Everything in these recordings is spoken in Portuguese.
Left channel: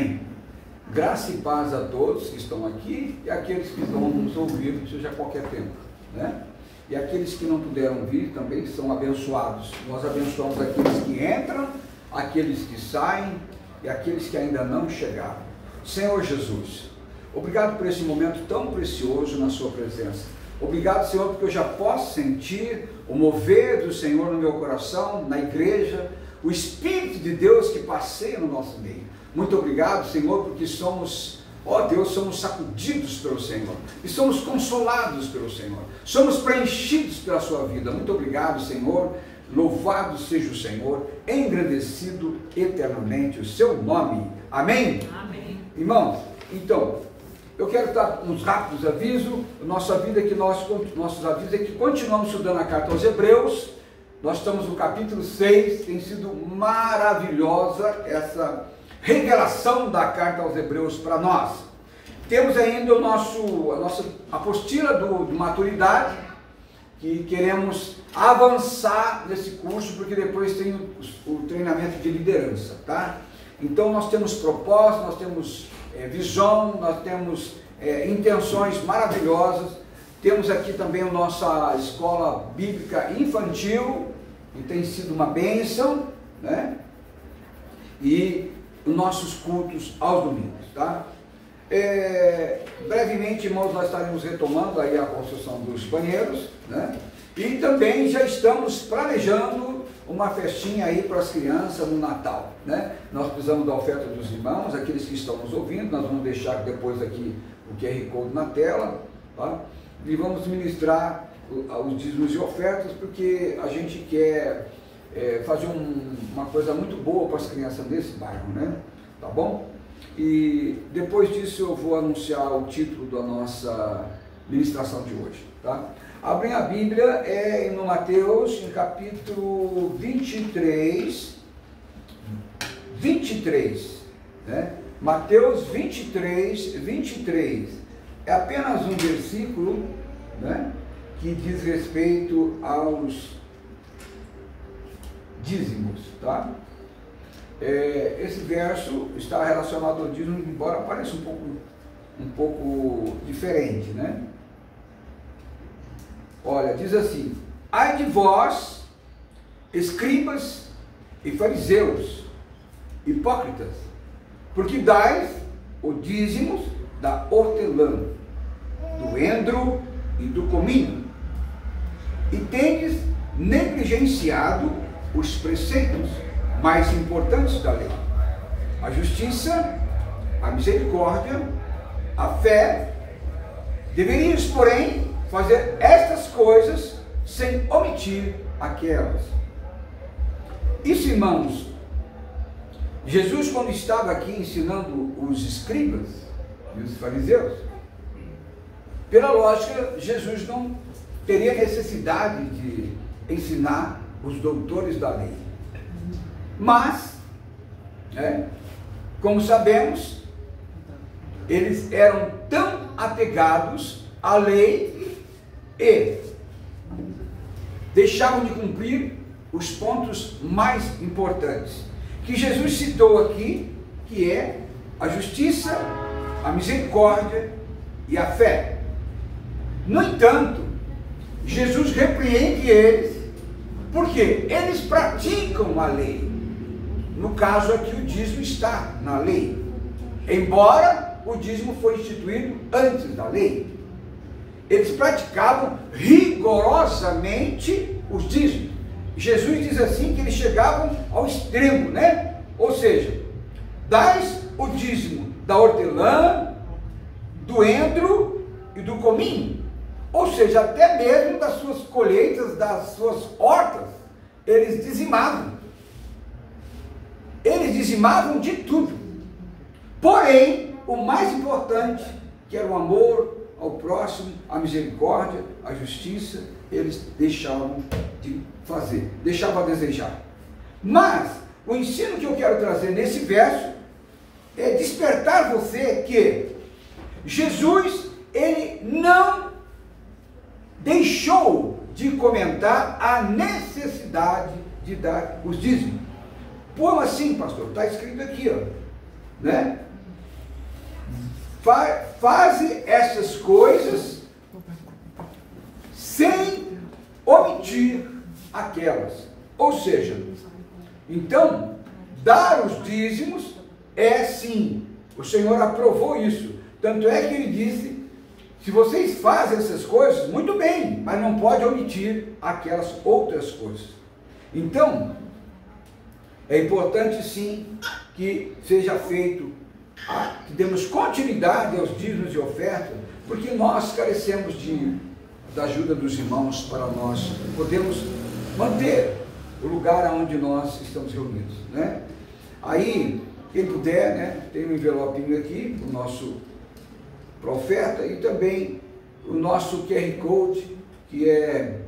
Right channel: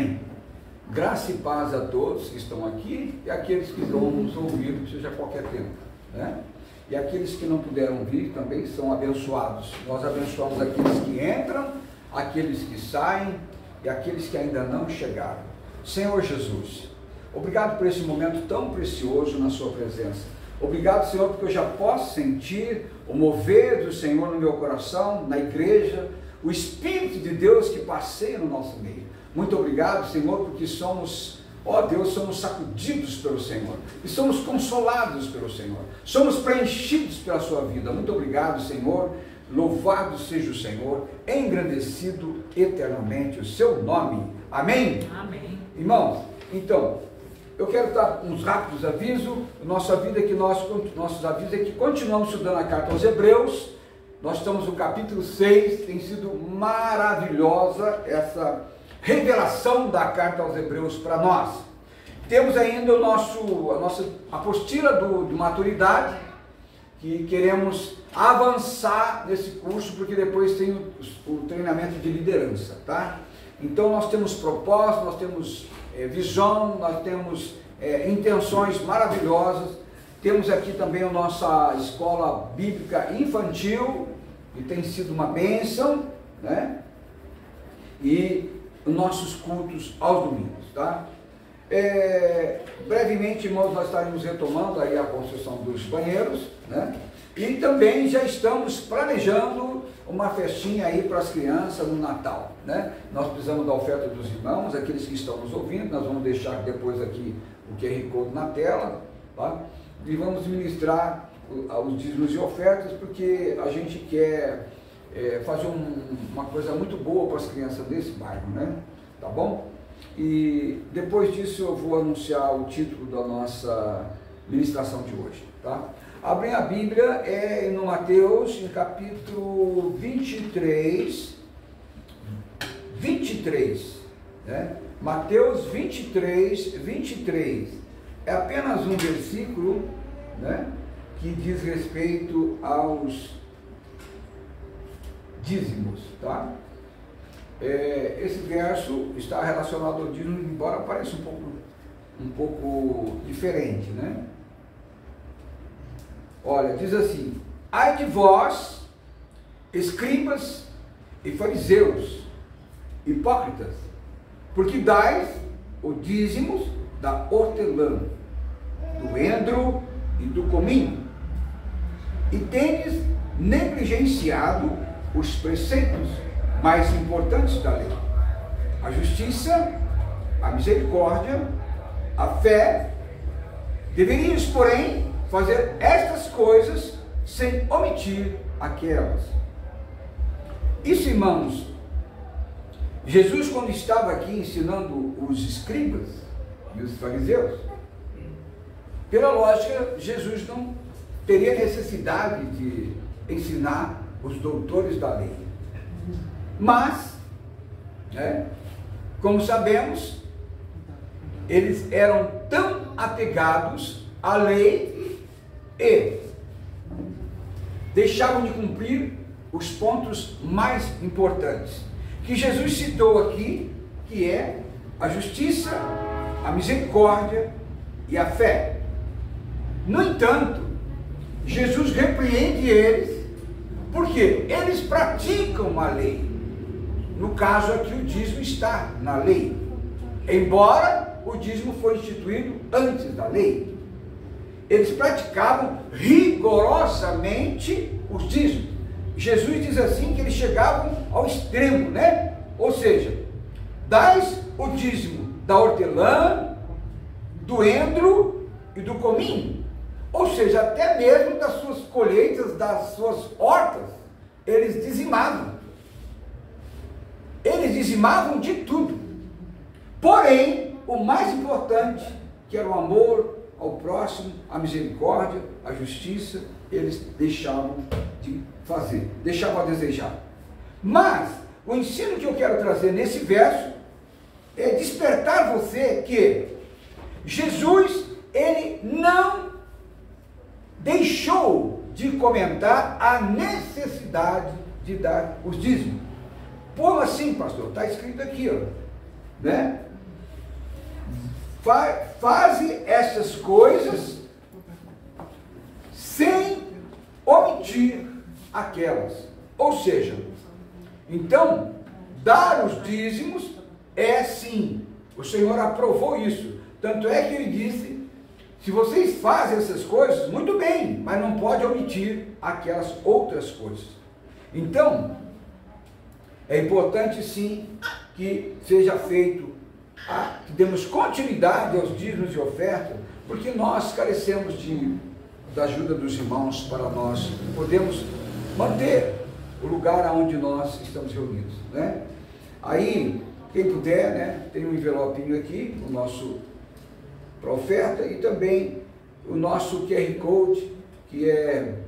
Amém? Graça e paz a todos que estão aqui e aqueles que vão nos ouvir, seja a qualquer tempo, né? E aqueles que não puderam vir também são abençoados. Nós abençoamos aqueles que entram, aqueles que saem e aqueles que ainda não chegaram. Senhor Jesus, obrigado por esse momento tão precioso na sua presença. Obrigado, Senhor, porque eu já posso sentir o mover do Senhor no meu coração, na igreja, o Espírito de Deus que passeia no nosso meio. Muito obrigado, Senhor, porque somos, ó Deus, somos sacudidos pelo Senhor e somos consolados pelo Senhor, somos preenchidos pela sua vida. Muito obrigado, Senhor. Louvado seja o Senhor, engrandecido eternamente o seu nome. Amém? Amém. Irmãos, então, eu quero dar uns rápidos avisos. Nossos avisos é que continuamos estudando a carta aos Hebreus. Nós estamos no capítulo 6, tem sido maravilhosa essa revelação da carta aos Hebreus para nós. Temos ainda a nossa apostila de maturidade, que queremos avançar nesse curso, porque depois tem o treinamento de liderança, tá? Então nós temos propósito, nós temos visão, nós temos intenções maravilhosas. Temos aqui também a nossa escola bíblica infantil, que tem sido uma bênção, né? E nossos cultos aos domingos, tá? Brevemente, irmãos, nós estaremos retomando aí a construção dos banheiros, né? E também já estamos planejando uma festinha aí para as crianças no Natal, né? Nós precisamos da oferta dos irmãos, aqueles que estão nos ouvindo. Nós vamos deixar depois aqui o QR Code na tela, tá? E vamos ministrar os dízimos e ofertas, porque a gente quer fazer uma coisa muito boa para as crianças desse bairro, né? Tá bom? E depois disso eu vou anunciar o título da nossa ministração de hoje, tá? Abrem a Bíblia, no Mateus, em capítulo 23, né? Mateus 23, é apenas um versículo, né, que diz respeito aos dízimos, tá? Esse verso está relacionado ao dízimo, embora pareça um pouco diferente, né? Olha, diz assim: ai de vós, escribas e fariseus, hipócritas, porque dais o dízimo da hortelã, do endro e do cominho, e tendes negligenciado os preceitos mais importantes da lei: a justiça, a misericórdia, a fé. Deverias, porém, fazer estas coisas sem omitir aquelas. Isso, irmãos, Jesus, quando estava aqui ensinando os escribas e os fariseus, pela lógica, Jesus não teria necessidade de ensinar os doutores da lei. Mas, como sabemos, eles eram tão apegados à lei e deixavam de cumprir os pontos mais importantes que Jesus citou aqui, que é a justiça, a misericórdia e a fé. No entanto, Jesus repreende eles, porque eles praticam a lei. No caso aqui, o dízimo está na lei, embora o dízimo foi instituído antes da lei. Eles praticavam rigorosamente os dízimos. Jesus diz assim que eles chegavam ao extremo, né? Ou seja, dais o dízimo da hortelã, do endro e do cominho. Ou seja, até mesmo das suas colheitas, das suas hortas, eles dizimavam. Eles dizimavam de tudo. Porém, o mais importante, que era o amor ao próximo, a misericórdia, a justiça, eles deixavam de fazer, deixavam a desejar. Mas o ensino que eu quero trazer nesse verso é despertar você que Jesus, ele não deixou de comentar a necessidade de dar os dízimos. Como assim, pastor? Está escrito aqui, ó, né? faze essas coisas sem omitir aquelas. Ou seja, então, dar os dízimos é sim, o Senhor aprovou isso. Tanto é que ele disse, se vocês fazem essas coisas, muito bem, mas não pode omitir aquelas outras coisas. Então, é importante sim que seja feito, que demos continuidade aos dízimos e ofertas, porque nós carecemos da ajuda dos irmãos para nós podermos manter o lugar onde nós estamos reunidos, né? Aí, quem puder, né, tem um envelopinho aqui, o nosso para oferta, e também o nosso QR Code, que é,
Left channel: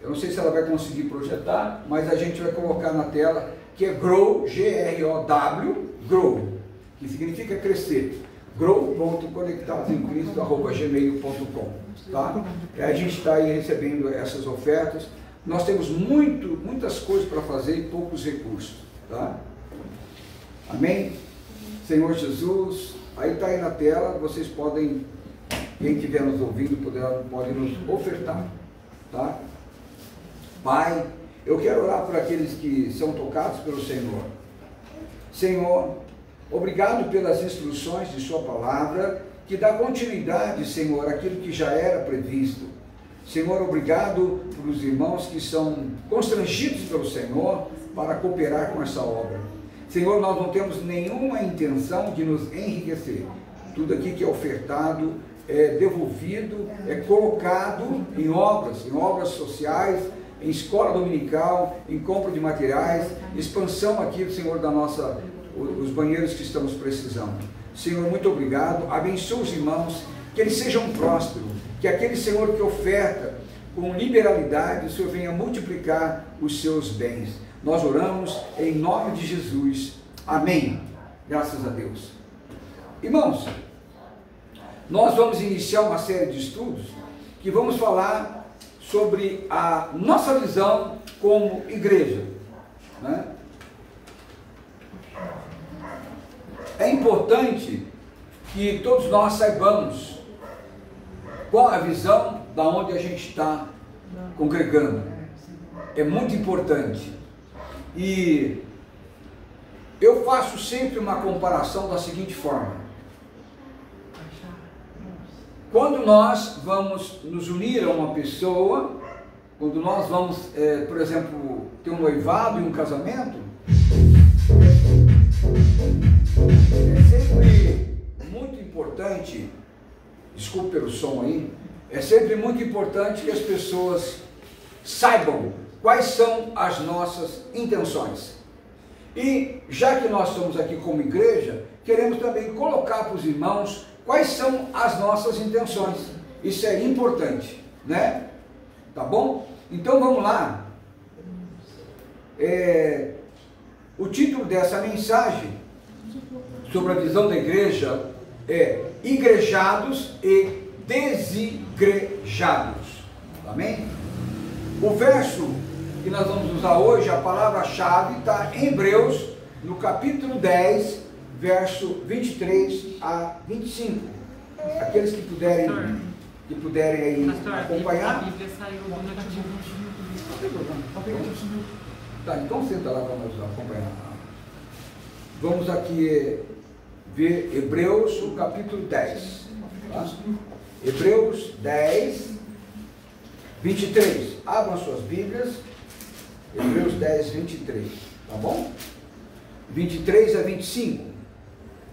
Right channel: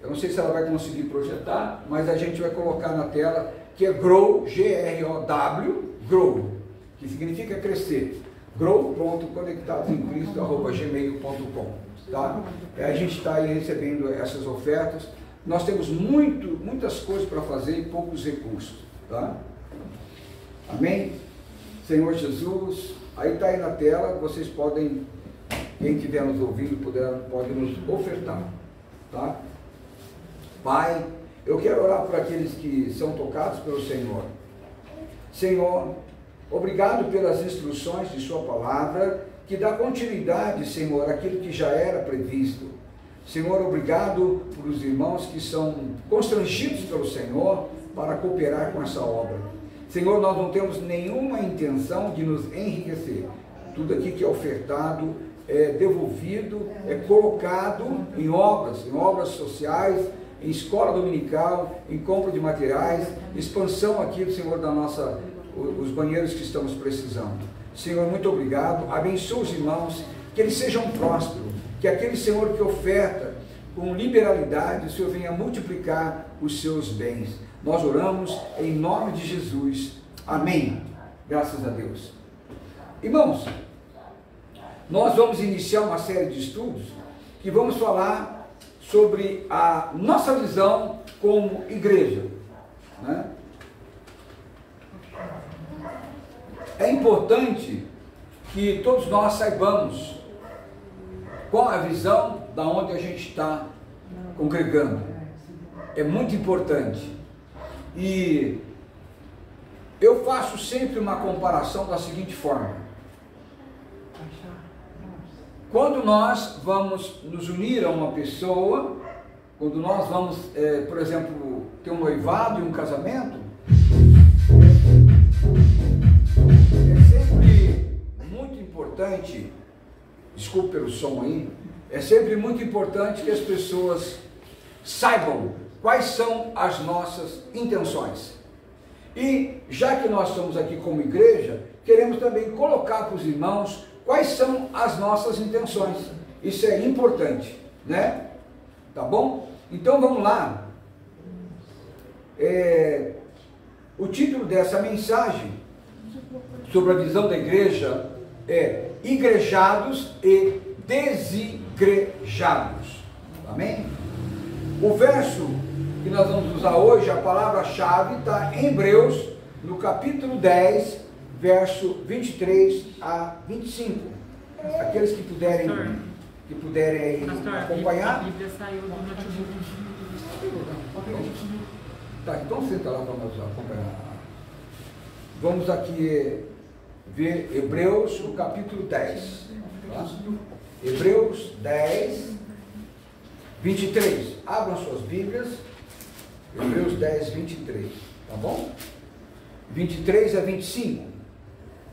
eu não sei se ela vai conseguir projetar, mas a gente vai colocar na tela, que é GROW, G-R-O-W, GROW, que significa crescer, grow.conectadosemcristo@gmail.com, tá? A gente está aí recebendo essas ofertas, nós temos muitas coisas para fazer e poucos recursos, tá? Amém? Senhor Jesus, aí está aí na tela, vocês podem, quem estiver nos ouvindo, pode nos ofertar, tá? Pai, eu quero orar por aqueles que são tocados pelo Senhor. Senhor, obrigado pelas instruções de sua palavra, que dá continuidade, Senhor, àquilo que já era previsto. Senhor, obrigado por os irmãos que são constrangidos pelo Senhor para cooperar com essa obra. Senhor, nós não temos nenhuma intenção de nos enriquecer. Tudo aqui que é ofertado é devolvido, é colocado em obras sociais, em escola dominical, em compra de materiais, expansão aqui, Senhor, os banheiros que estamos precisando. Senhor, muito obrigado. Abençoa os irmãos, que eles sejam prósperos, que aquele, Senhor, que oferta com liberalidade, o Senhor venha multiplicar os seus bens. Nós oramos em nome de Jesus. Amém. Graças a Deus. Irmãos, nós vamos iniciar uma série de estudos que vamos falar sobre a nossa visão como igreja, né? É importante que todos nós saibamos qual a visão da onde a gente está congregando. É muito importante. E eu faço sempre uma comparação da seguinte forma: quando nós vamos nos unir a uma pessoa, quando nós vamos, por exemplo, ter um noivado e um casamento, é sempre muito importante, desculpe pelo som aí, é sempre muito importante que as pessoas saibam quais são as nossas intenções. E já que nós estamos aqui como igreja, queremos também colocar para os irmãos quais são as nossas intenções. Isso é importante, né? Tá bom? Então vamos lá. O título dessa mensagem sobre a visão da igreja é Igrejados e Desigrejados. Amém? O verso que nós vamos usar hoje, a palavra-chave, está em Hebreus, no capítulo 10, verso 23 a 25. Aqueles que puderem aí acompanhar. A Bíblia saiu do notebook. Não tem problema. Tá, então senta lá para nós acompanhar. Vamos aqui ver Hebreus, o capítulo 10. Tá? Hebreus 10, 23. Abram as suas Bíblias. Hebreus 10, 23. Tá bom? 23 a 25.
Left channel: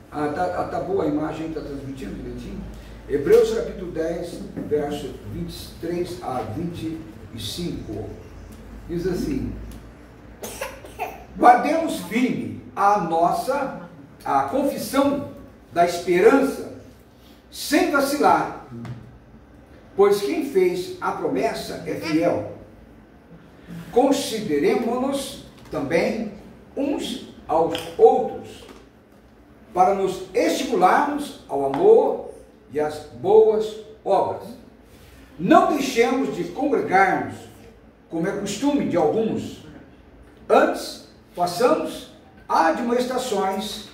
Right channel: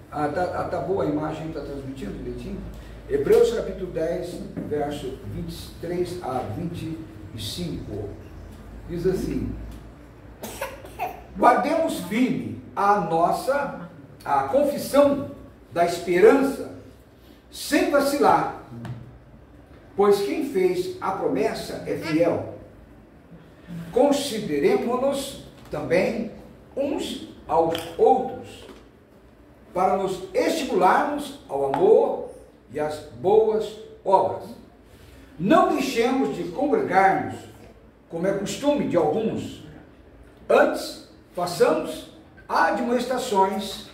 Tá boa a imagem, está transmitindo direitinho? Hebreus capítulo 10, verso 23 a 25. Diz assim: guardemos firme a confissão da esperança, sem vacilar, pois quem fez a promessa é fiel. Consideremos-nos também uns aos outros, para nos estimularmos ao amor e às boas obras. Não deixemos de congregarmos, como é costume de alguns. Antes, façamos admoestações,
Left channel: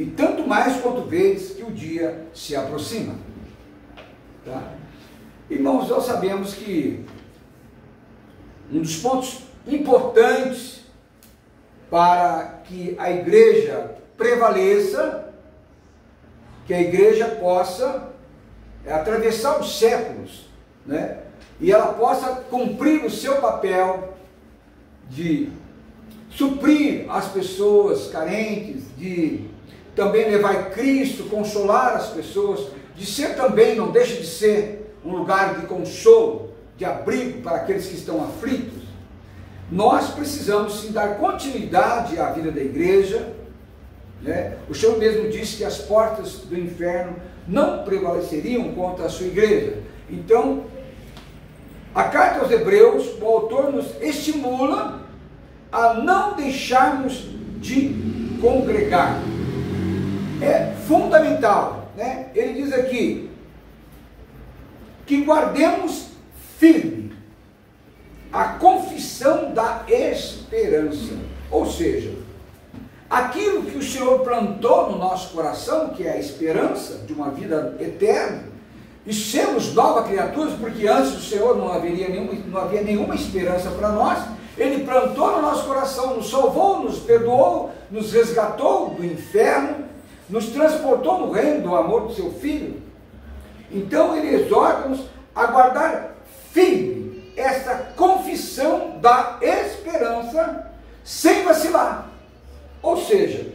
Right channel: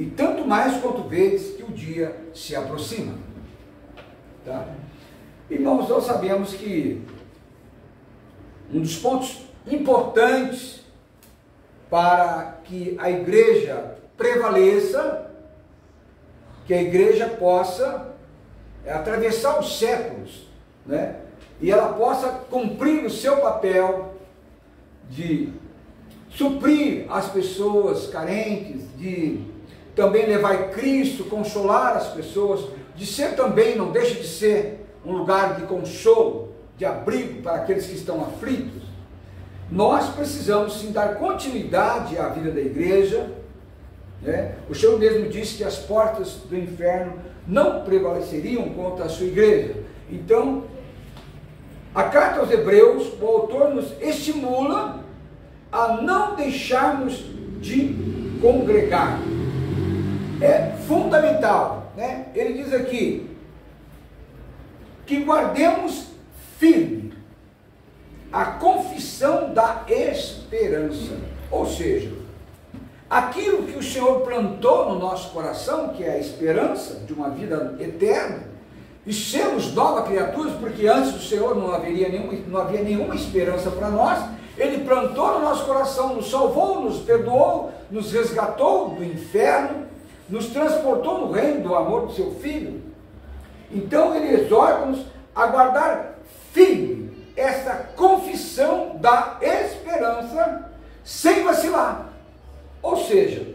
e tanto mais quanto vedes que o dia se aproxima. Tá? Irmãos, nós sabemos que um dos pontos importantes para que a igreja prevaleça, que a igreja possa atravessar os séculos, né? E ela possa cumprir o seu papel de suprir as pessoas carentes, de também levar Cristo, consolar as pessoas, de ser também, não deixa de ser, um lugar de consolo, de abrigo para aqueles que estão aflitos. Nós precisamos sim dar continuidade à vida da igreja, né? O Senhor mesmo disse que as portas do inferno não prevaleceriam contra a sua igreja. Então, a carta aos Hebreus, o autor nos estimula a não deixarmos de congregar. É fundamental, né? Ele diz aqui que guardemos firme a confissão da esperança, ou seja, aquilo que o Senhor plantou no nosso coração, que é a esperança de uma vida eterna, e sermos nova criaturas, porque antes do Senhor não havia nenhuma esperança para nós. Ele plantou no nosso coração, nos salvou, nos perdoou, nos resgatou do inferno, nos transportou no reino do amor do seu Filho. Então ele exorta-nos a guardar firme essa confissão da esperança, sem vacilar. Ou seja,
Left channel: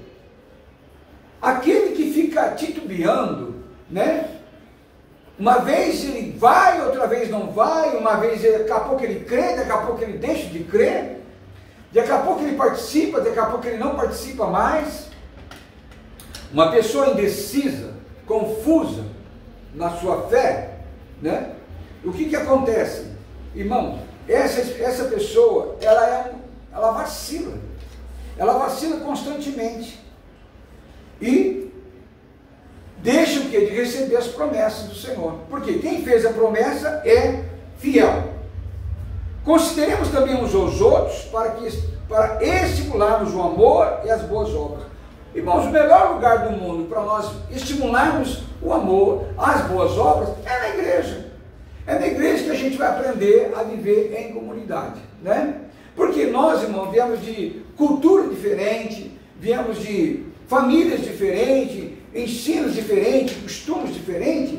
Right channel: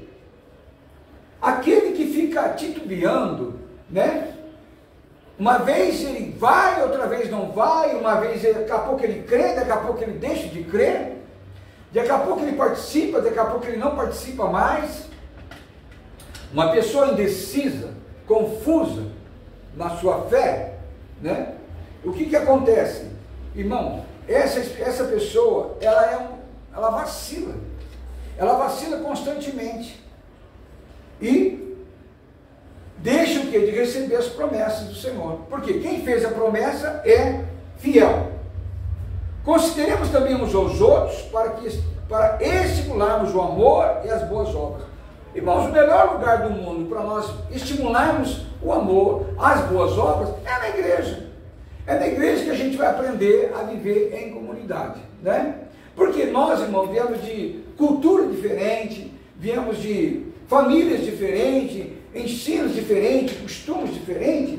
aquele que fica titubeando, né? Uma vez ele vai, outra vez não vai, uma vez daqui a pouco ele crê, daqui a pouco ele deixa de crer, daqui a pouco ele participa, daqui a pouco ele não participa mais. Uma pessoa indecisa, confusa na sua fé, né? O que acontece? Irmão, essa pessoa, ela vacila constantemente e deixa o quê? De receber as promessas do Senhor, porque quem fez a promessa é fiel. Consideremos também uns aos outros para estimularmos o amor e as boas obras. Irmãos, o melhor lugar do mundo para nós estimularmos o amor, as boas obras, é na igreja. É na igreja que a gente vai aprender a viver em comunidade, né? Porque nós, irmãos, viemos de cultura diferente, viemos de famílias diferentes, ensinos diferentes, costumes diferentes,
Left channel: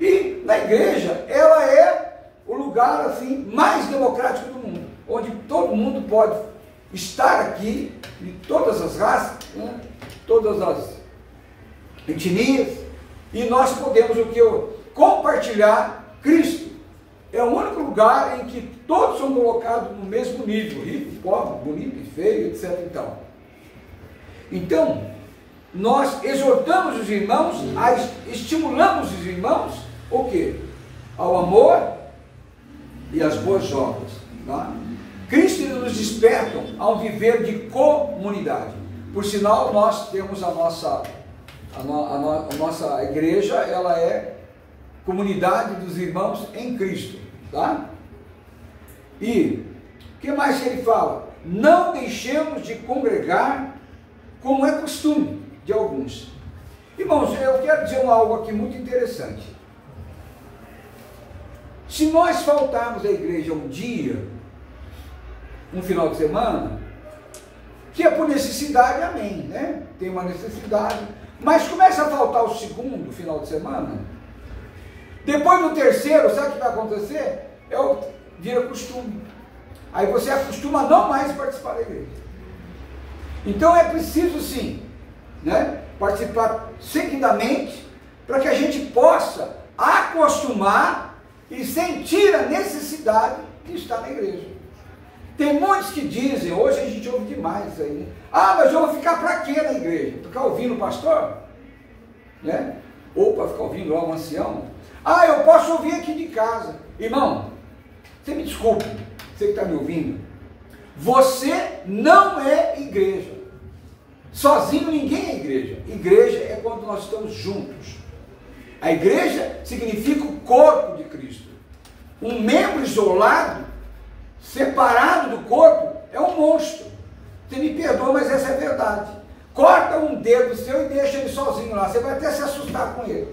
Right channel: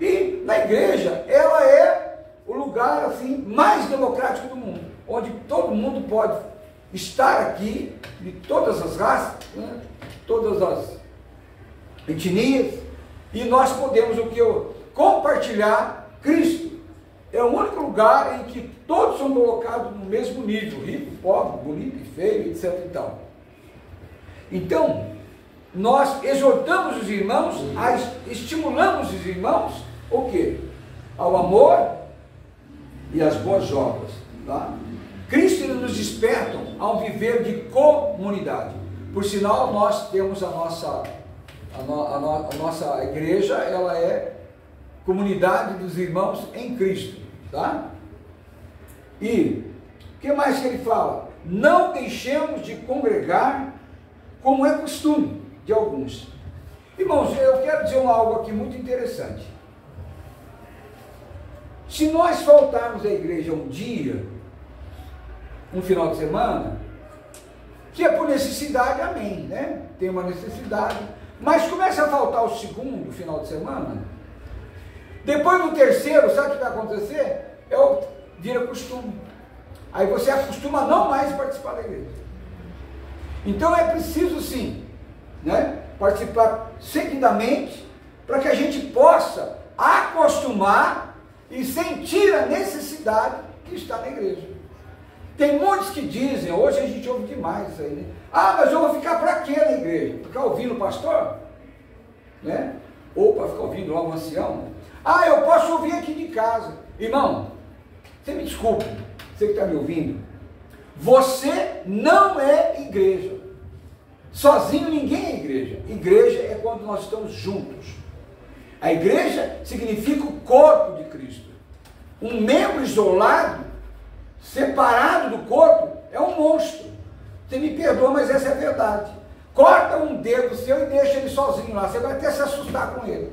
e na igreja ela é o lugar assim mais democrático do mundo, onde todo mundo pode estar aqui, de todas as raças, né? Todas as etnias, e nós podemos compartilhar Cristo. É o único lugar em que todos são colocados no mesmo nível, rico, pobre, bonito e feio, etc. Então, nós exortamos os irmãos, estimulamos os irmãos, o quê? Ao amor e às boas obras. Tá? Cristo nos desperta a um viver de comunidade. Por sinal, nós temos a nossa igreja, ela é comunidade dos irmãos em Cristo, tá? E o que mais ele fala? Não deixemos de congregar como é costume de alguns. Irmãos, eu quero dizer algo aqui muito interessante. Se nós faltarmos à igreja um dia, um final de semana, que é por necessidade, amém, né? Tem uma necessidade, mas começa a faltar o segundo final de semana, depois do terceiro, sabe o que vai acontecer? Vira costume. Aí você acostuma a não mais participar da igreja. Então é preciso sim, né, participar seguidamente, para que a gente possa acostumar e sentir a necessidade de estar na igreja. Tem muitos que dizem, hoje a gente ouve demais isso aí, né? Ah, mas eu vou ficar para quê na igreja? Para ficar ouvindo o pastor? Né? Ou para ficar ouvindo lá um ancião? Ah, eu posso ouvir aqui de casa. Irmão, você me desculpe, você que está me ouvindo, você não é igreja. Sozinho ninguém é igreja. Igreja é quando nós estamos juntos. A igreja significa o corpo de Cristo. Um membro isolado, separado do corpo, é um monstro. Você me perdoa, mas essa é a verdade. corta um dedo seu e deixa ele sozinho lá, você vai até se assustar com ele.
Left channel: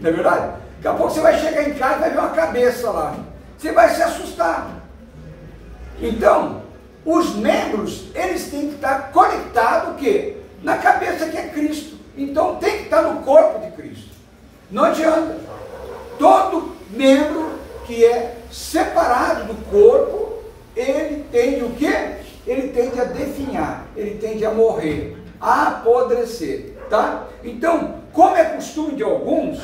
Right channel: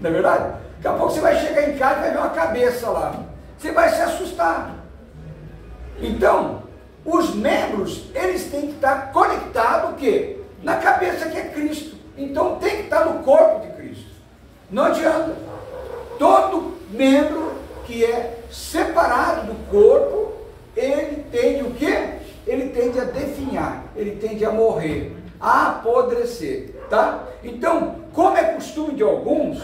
Não é verdade? Daqui a pouco você vai chegar em casa e vai ver uma cabeça lá. Você vai se assustar. Então, os membros, eles têm que estar conectados o quê? Na cabeça que é Cristo. Então tem que estar no corpo de Cristo. Não adianta. Todo membro que é separado do corpo, ele tende o quê? Ele tende a definhar, ele tende a morrer, a apodrecer, tá? Então, como é costume de alguns,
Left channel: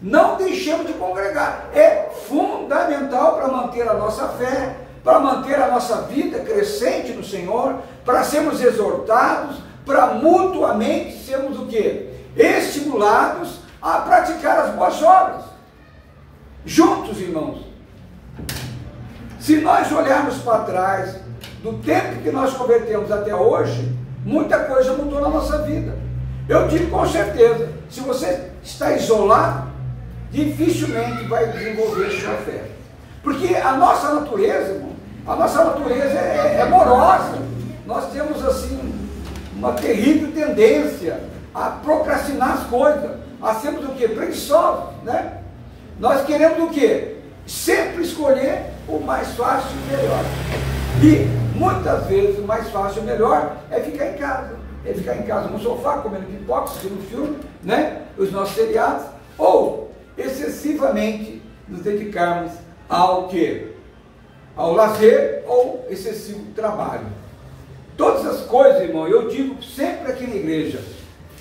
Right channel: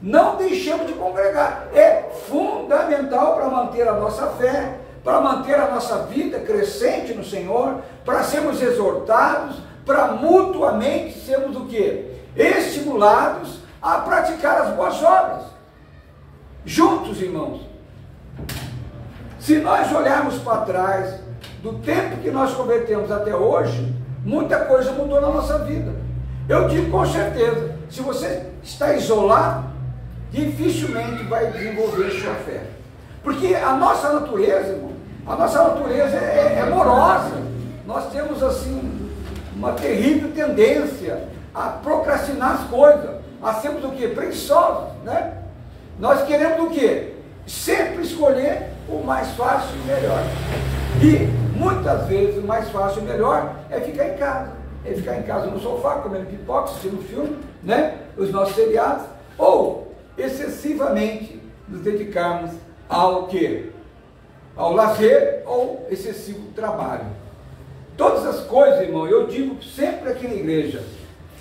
não deixemos de congregar. É fundamental para manter a nossa fé, para manter a nossa vida crescente no Senhor, para sermos exortados, para mutuamente sermos o quê? Estimulados a praticar as boas obras. Juntos, irmãos. Se nós olharmos para trás, do tempo que nós convertemos até hoje, muita coisa mudou na nossa vida. Eu digo com certeza, se você está isolado, dificilmente vai desenvolver sua fé. Porque a nossa natureza, irmão, a nossa natureza é morosa. Nós temos assim uma terrível tendência a procrastinar as coisas, a sermos o quê? Preguiçosos, né? Nós queremos o quê? Sempre escolher o mais fácil e melhor. E muitas vezes o mais fácil e melhor é ficar em casa. É ficar em casa no sofá, comendo pipoca, assistindo filme, né? Os nossos seriados, ou excessivamente nos dedicarmos ao quê? Ao lazer ou excessivo trabalho. Todas as coisas, irmão, eu digo sempre aqui na igreja,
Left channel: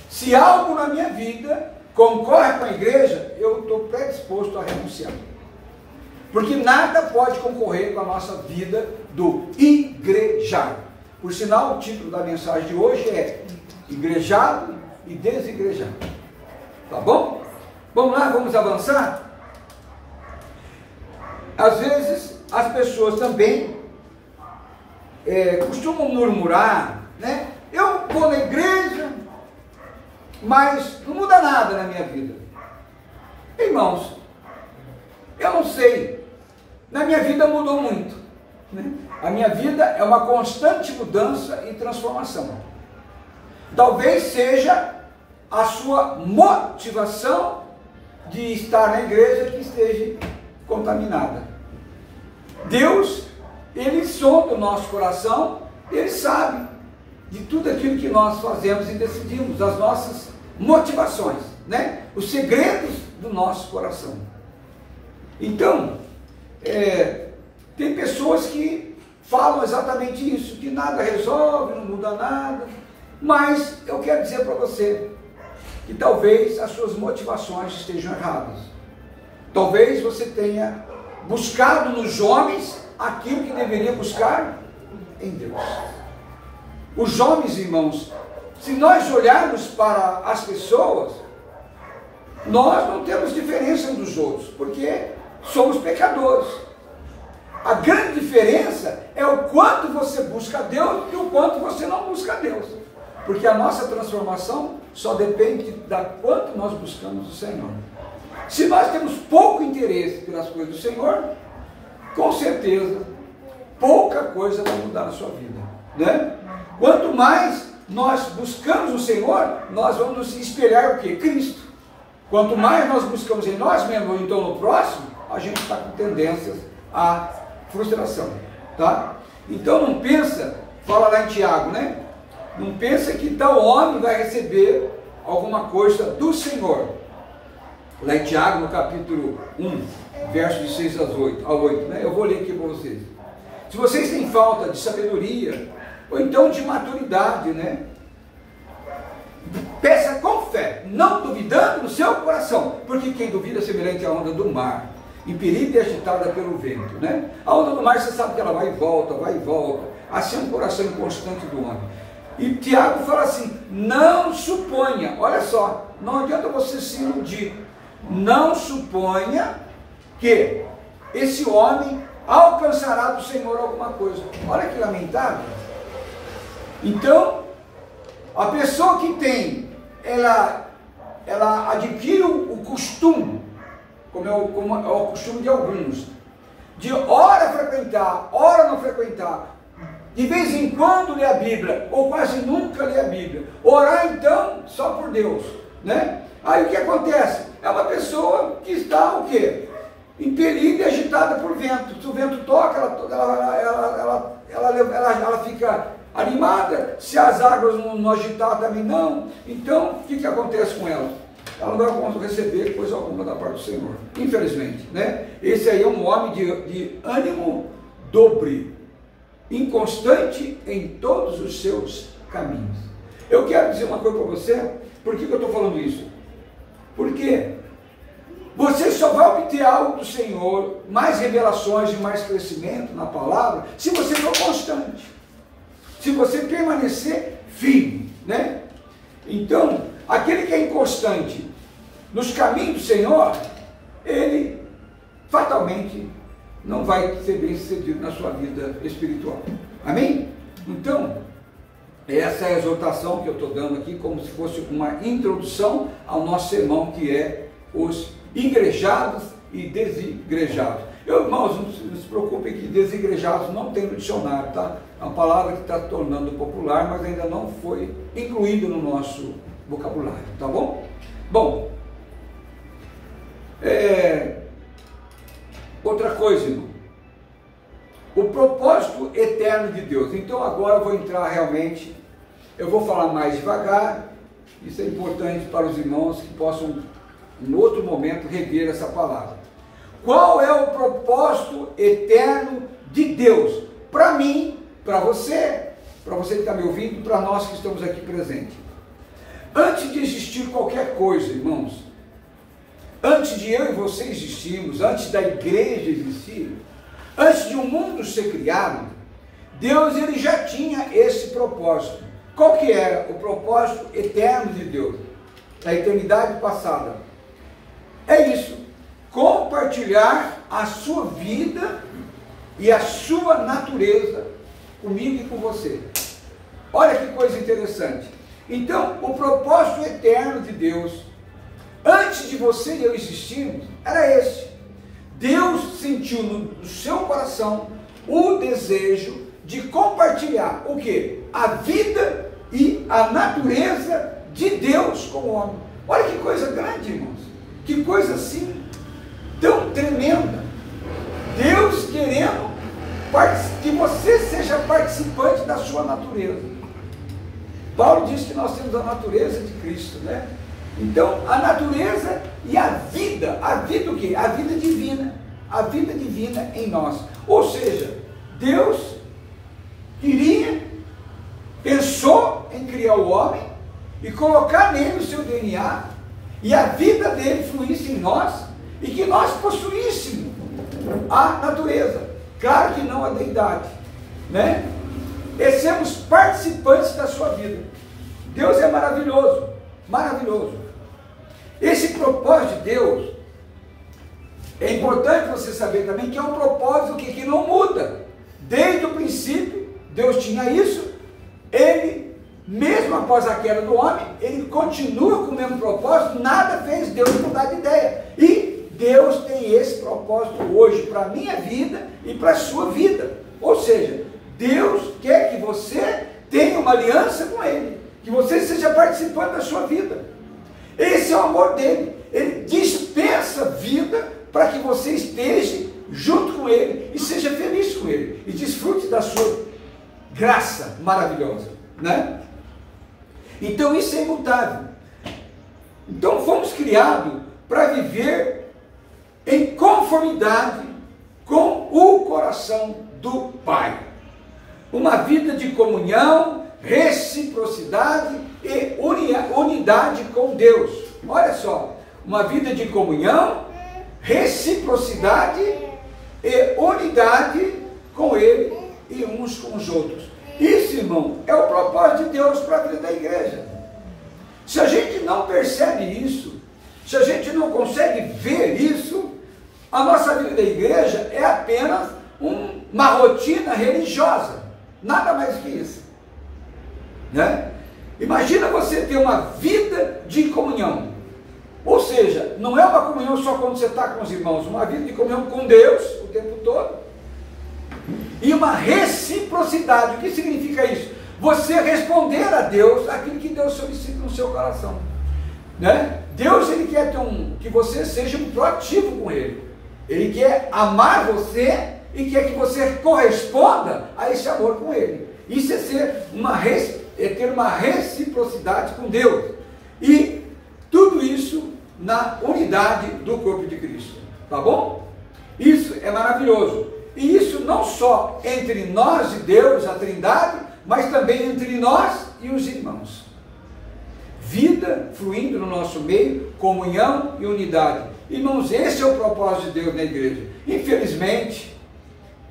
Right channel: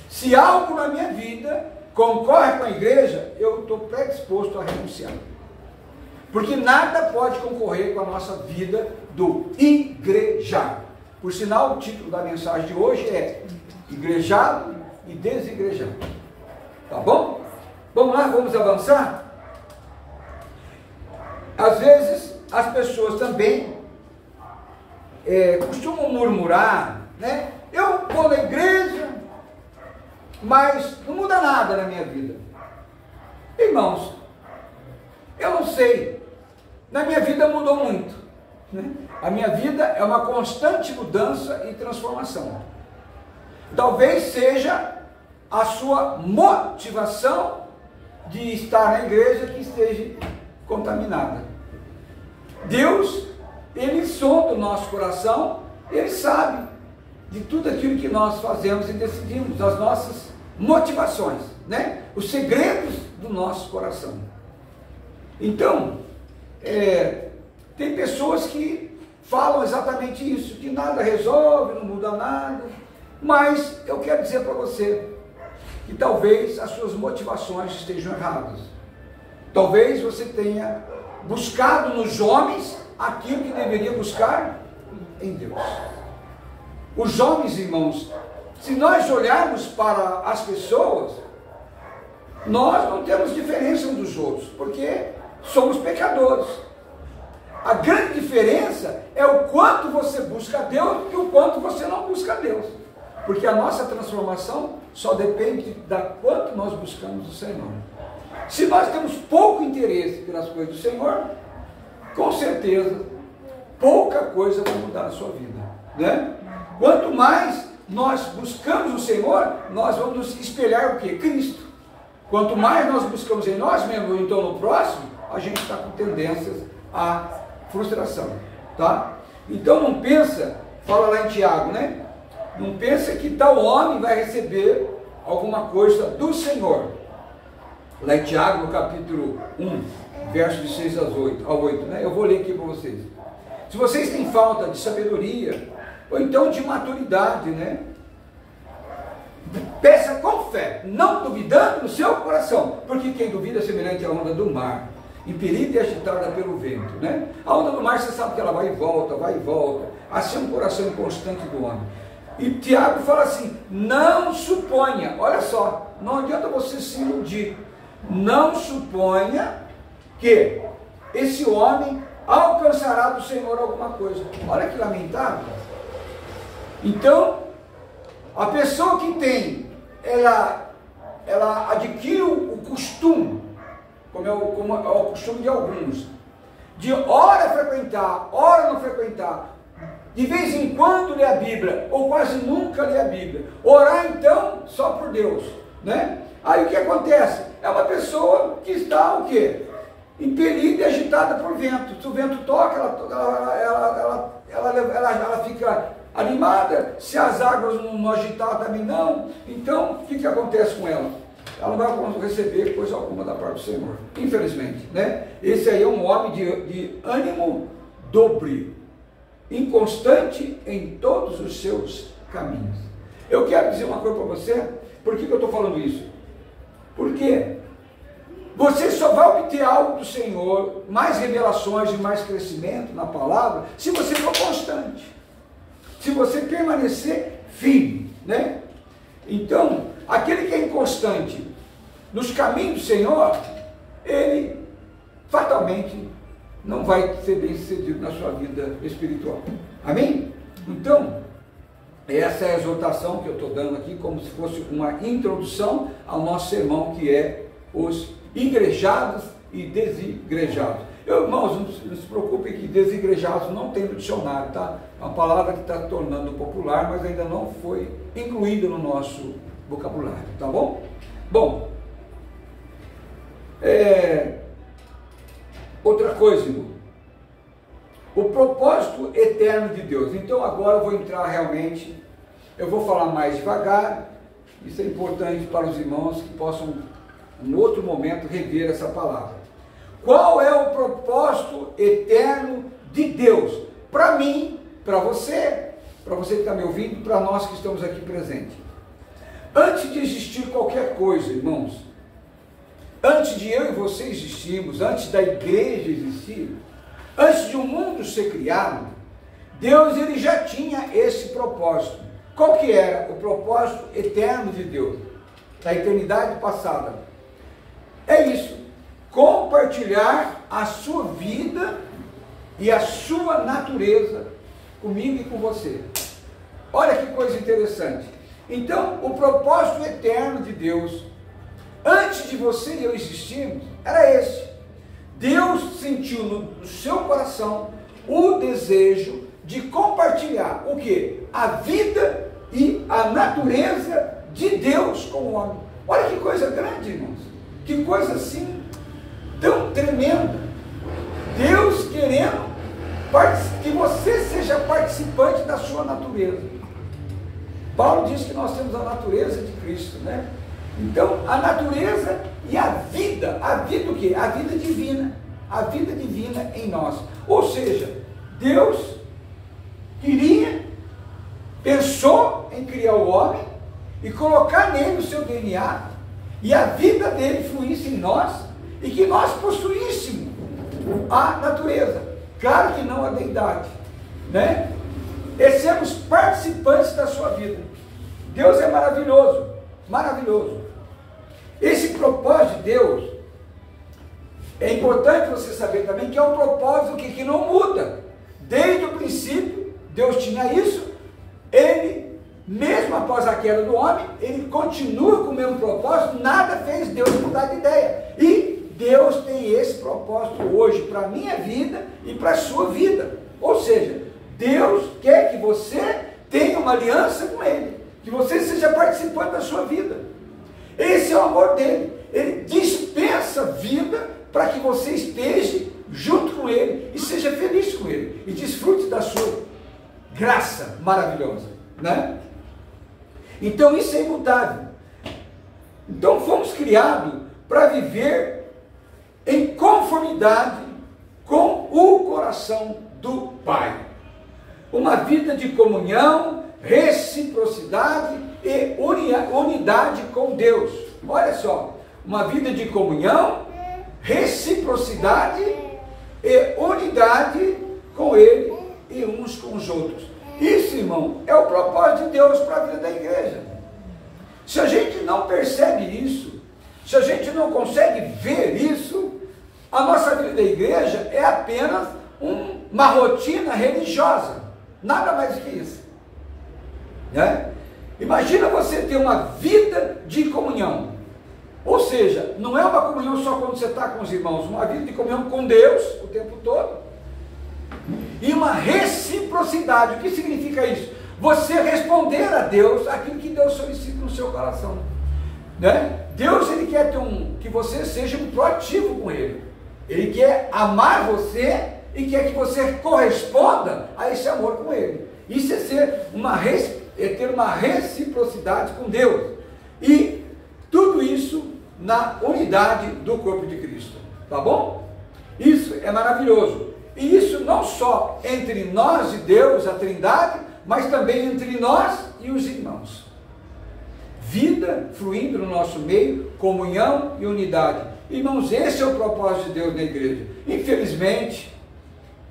se algo na minha vida concorre com a igreja, eu estou predisposto a renunciar. Porque nada pode concorrer com a nossa vida do igrejar. Por sinal, o título da mensagem de hoje é Igrejado e Desigrejado. Tá bom? Vamos lá, vamos avançar? Às vezes, as pessoas também costumam murmurar, né? Eu vou na igreja, mas não muda nada na minha vida. Irmãos, eu não sei, na minha vida mudou muito, né? A minha vida é uma constante mudança e transformação. Talvez seja a sua motivação de estar na igreja que esteja contaminada. Deus, Ele sonda o nosso coração, Ele sabe de tudo aquilo que nós fazemos e decidimos, das nossas motivações, né? Os segredos do nosso coração. Então, tem pessoas que falam exatamente isso, que nada resolve, não muda nada, mas eu quero dizer para você que talvez as suas motivações estejam erradas. Talvez você tenha buscado nos homens aquilo que deveria buscar em Deus. Os homens, irmãos, se nós olharmos para as pessoas, nós não temos diferença uns dos outros, porque somos pecadores. A grande diferença é o quanto você busca a Deus e o quanto você não busca a Deus. Porque a nossa transformação só depende da quanto nós buscamos o Senhor. Se nós temos pouco interesse pelas coisas do Senhor, com certeza, pouca coisa vai mudar na sua vida, né? Quanto mais nós buscamos o Senhor, nós vamos nos espelhar o quê? Cristo. Quanto mais nós buscamos em nós mesmos, ou então no próximo, a gente está com tendências à frustração, tá? Então não pensa, fala lá em Tiago, né? Não pensa que tal homem vai receber alguma coisa do Senhor. Lá em Tiago, no capítulo 1, versos de 6 ao 8, né? Eu vou ler aqui para vocês. Se vocês têm falta de sabedoria, ou então de maturidade, né? Peça com fé, não duvidando no seu coração, porque quem duvida é semelhante à onda do mar, impelida e agitada pelo vento, né? A onda do mar, você sabe que ela vai e volta, assim é um coração inconstante do homem. E Tiago fala assim, não suponha, olha só, não adianta você se iludir, não suponha que esse homem alcançará do Senhor alguma coisa. Olha que lamentável. Então, a pessoa que tem, ela adquire o costume, como é o costume de alguns, de ora frequentar, ora não frequentar, de vez em quando lê a Bíblia, ou quase nunca lê a Bíblia. Orar então só por Deus, né? Aí o que acontece? É uma pessoa que está o quê? Impelida e agitada por vento. Se o vento toca, ela fica animada. Se as águas não agitar também não. Então, o que acontece com ela? Ela não vai receber coisa alguma da parte do Senhor, infelizmente, né? Esse aí é um homem de ânimo dobre, inconstante em todos os seus caminhos. Eu quero dizer uma coisa para você. Por que eu estou falando isso? Porque você só vai obter algo do Senhor, mais revelações e mais crescimento na palavra, se você for constante, se você permanecer firme, né? Então, aquele que é inconstante nos caminhos do Senhor, ele fatalmente não vai ser bem sucedido na sua vida espiritual. Amém? Então, essa é a exortação que eu estou dando aqui, como se fosse uma introdução ao nosso sermão, que é os igrejados e desigrejados. Irmãos, não se preocupem que desigrejados não tem no dicionário, tá? É uma palavra que está tornando popular, mas ainda não foi incluída no nosso vocabulário, tá bom? Bom, outra coisa, irmão, o propósito eterno de Deus. Então agora eu vou entrar realmente, eu vou falar mais devagar, isso é importante para os irmãos que possam, em outro momento, rever essa palavra. Qual é o propósito eterno de Deus? Para mim, para você que está me ouvindo, para nós que estamos aqui presentes. Antes de existir qualquer coisa, irmãos, antes de eu e você existirmos, antes da igreja existir, antes de o mundo ser criado, Deus ele já tinha esse propósito. Qual que era o propósito eterno de Deus? Da eternidade passada. É isso, compartilhar a sua vida e a sua natureza comigo e com você. Olha que coisa interessante. Então, o propósito eterno de Deus, antes de você e eu existirmos, era esse. Deus sentiu no seu coração o desejo de compartilhar o quê? A vida e a natureza de Deus com o homem. Olha que coisa grande, irmãos. Que coisa assim, tão tremenda. Deus querendo que você seja participante da sua natureza. Paulo diz que nós temos a natureza de Cristo, né? Então, a natureza e a vida o quê? A vida divina em nós. Ou seja, Deus pensou em criar o homem e colocar nele o seu DNA, e a vida dele fluísse em nós, e que nós possuíssemos a natureza, claro que não a deidade, né? E sermos participantes da sua vida. Deus é maravilhoso, maravilhoso. Esse propósito de Deus, é importante você saber também que é um propósito que não muda. Desde o princípio, Deus tinha isso, ele, mesmo após a queda do homem, ele continua com o mesmo propósito, nada fez Deus mudar de ideia. E Deus tem esse propósito hoje para a minha vida e para a sua vida. Ou seja, Deus quer que você tenha uma aliança com Ele, que você seja participante da sua vida. Esse é o amor dele. Ele dispensa vida para que você esteja junto com Ele e seja feliz com Ele e desfrute da sua graça maravilhosa, né? Então isso é imutável. Então fomos criados para viver em conformidade com o coração do Pai. Uma vida de comunhão, reciprocidade e unidade com Deus. Olha só, uma vida de comunhão, reciprocidade e unidade com Ele e uns com os outros. Isso, irmão, é o propósito de Deus para a vida da igreja. Se a gente não percebe isso, se a gente não consegue ver isso, a nossa vida da igreja é apenas uma rotina religiosa, nada mais do que isso, né? Imagina você ter uma vida de comunhão, ou seja, não é uma comunhão só quando você está com os irmãos, uma vida de comunhão com Deus o tempo todo, e uma reciprocidade. O que significa isso? Você responder a Deus aquilo que Deus solicita no seu coração, né? Deus, ele quer que você seja um proativo com Ele. Ele quer amar você e quer que você corresponda a esse amor com Ele. Isso é ter uma reciprocidade com Deus. E tudo isso na unidade do corpo de Cristo. Tá bom? Isso é maravilhoso. E isso não só entre nós e Deus, a Trindade, mas também entre nós e os irmãos. Vida fluindo no nosso meio, comunhão e unidade. Irmãos, esse é o propósito de Deus na igreja. Infelizmente,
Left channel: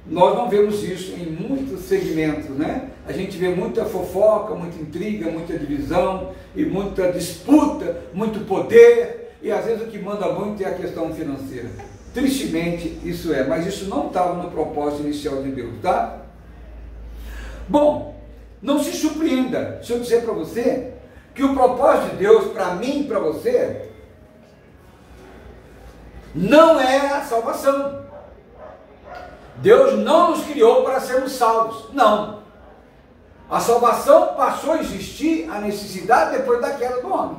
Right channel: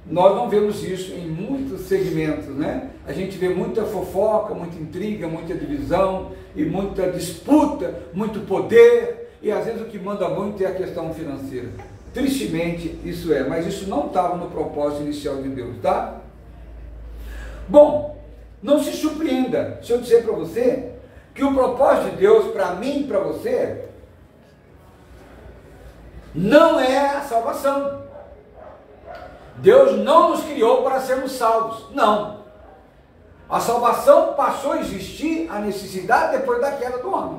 nós não vemos isso em muitos segmentos, né? A gente vê muita fofoca, muita intriga, muita divisão e muita disputa, muito poder, e às vezes o que manda muito é a questão financeira. Tristemente isso é, mas isso não estava no propósito inicial de Deus, tá? Bom, não se surpreenda se eu dizer para você que o propósito de Deus para mim e para você não é a salvação. Deus não nos criou para sermos salvos, não. A salvação passou a existir, a necessidade depois da queda do homem.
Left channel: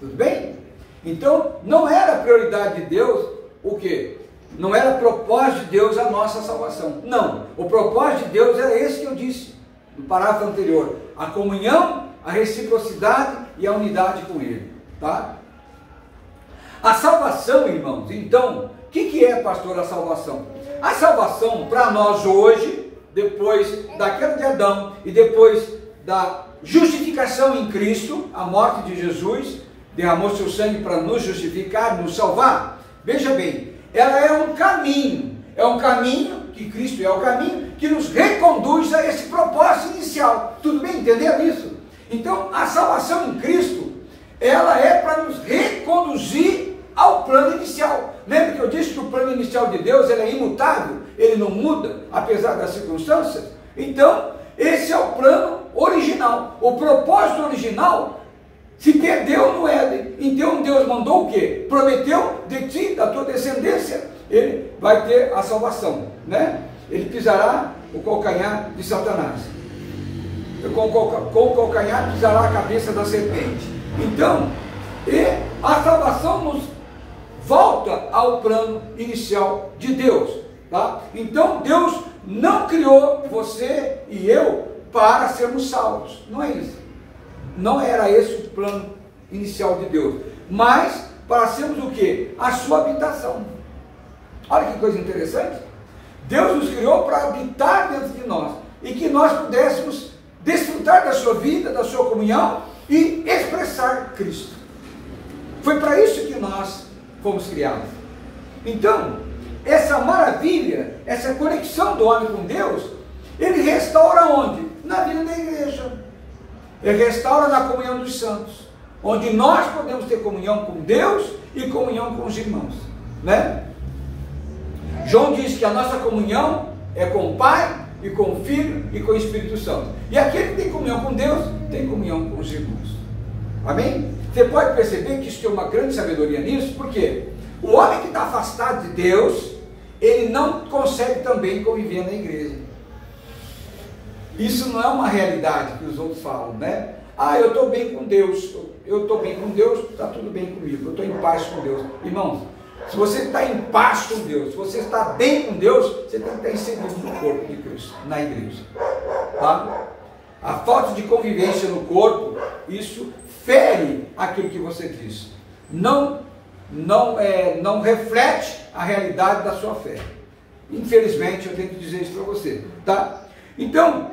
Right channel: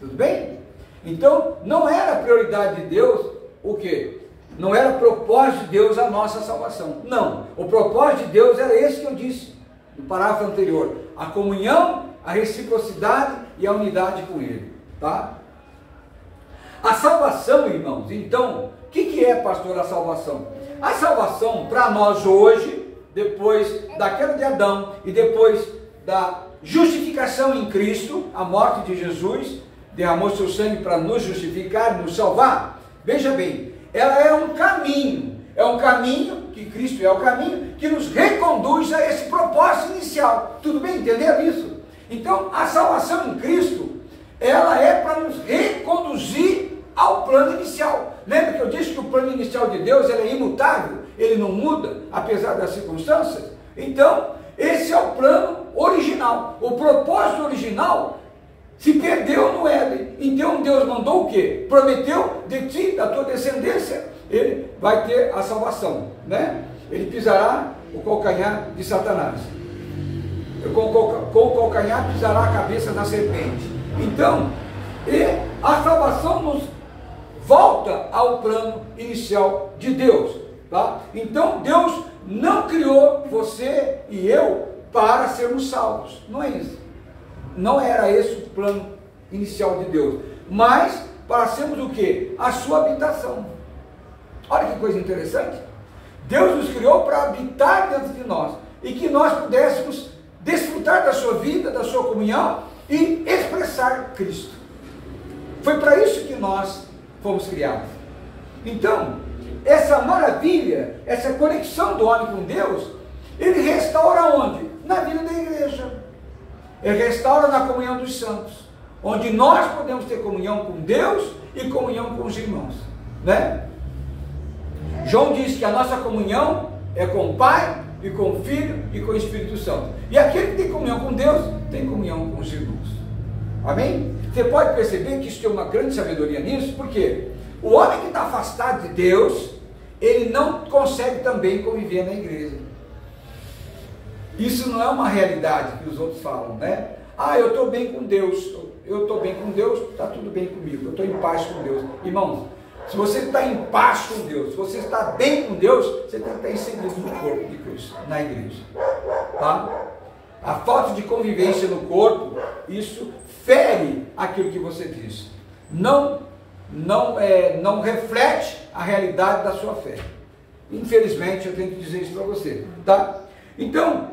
Tudo bem? Então, não era prioridade de Deus o quê? Não era propósito de Deus a nossa salvação. Não. O propósito de Deus era esse que eu disse no parágrafo anterior. A comunhão, a reciprocidade e a unidade com Ele. Tá? A salvação, irmãos, então, o que é, pastor, a salvação? A salvação para nós hoje, depois da queda de Adão e depois da justificação em Cristo, a morte de Jesus, derramou seu sangue para nos justificar, nos salvar. Veja bem, ela é um caminho que Cristo é o caminho que nos reconduz a esse propósito inicial. Tudo bem? Entenderam isso? Então, a salvação em Cristo, ela é para nos reconduzir ao plano inicial. Lembra que eu disse que o plano inicial de Deus ele é imutável, ele não muda, apesar das circunstâncias? Então, esse é o plano original. O propósito original se perdeu no Éden. Então Deus mandou o quê? Prometeu de ti, da tua descendência, ele vai ter a salvação, né? Ele pisará o calcanhar de Satanás. Com o calcanhar pisará a cabeça da serpente. Então, a salvação nos volta ao plano inicial de Deus, tá? Então Deus não criou você e eu para sermos salvos. Não é isso. Não era esse o plano inicial de Deus, mas para sermos o quê? A sua habitação. Olha que coisa interessante. Deus nos criou para habitar dentro de nós e que nós pudéssemos desfrutar da sua vida, da sua comunhão e expressar Cristo. Foi para isso que nós fomos criados. Então, essa maravilha, essa conexão do homem com Deus, ele restaura onde? Na vida da igreja. Ele restaura na comunhão dos santos, onde nós podemos ter comunhão com Deus e comunhão com os irmãos, né? João diz que a nossa comunhão é com o Pai e com o Filho e com o Espírito Santo. E aquele que tem comunhão com Deus, tem comunhão com os irmãos. Amém? Você pode perceber que isso tem uma grande sabedoria nisso, porque o homem que está afastado de Deus, ele não consegue também conviver na igreja. Isso não é uma realidade que os outros falam, né? Ah, eu estou bem com Deus, está tudo bem comigo, eu estou em paz com Deus. Irmãos, se você está em paz com Deus, se você está bem com Deus, você tem que estar inserido no corpo de Cristo, na igreja, tá? A falta de convivência no corpo, isso fere aquilo que você diz, não reflete a realidade da sua fé. Infelizmente, eu tenho que dizer isso para você, tá? Então,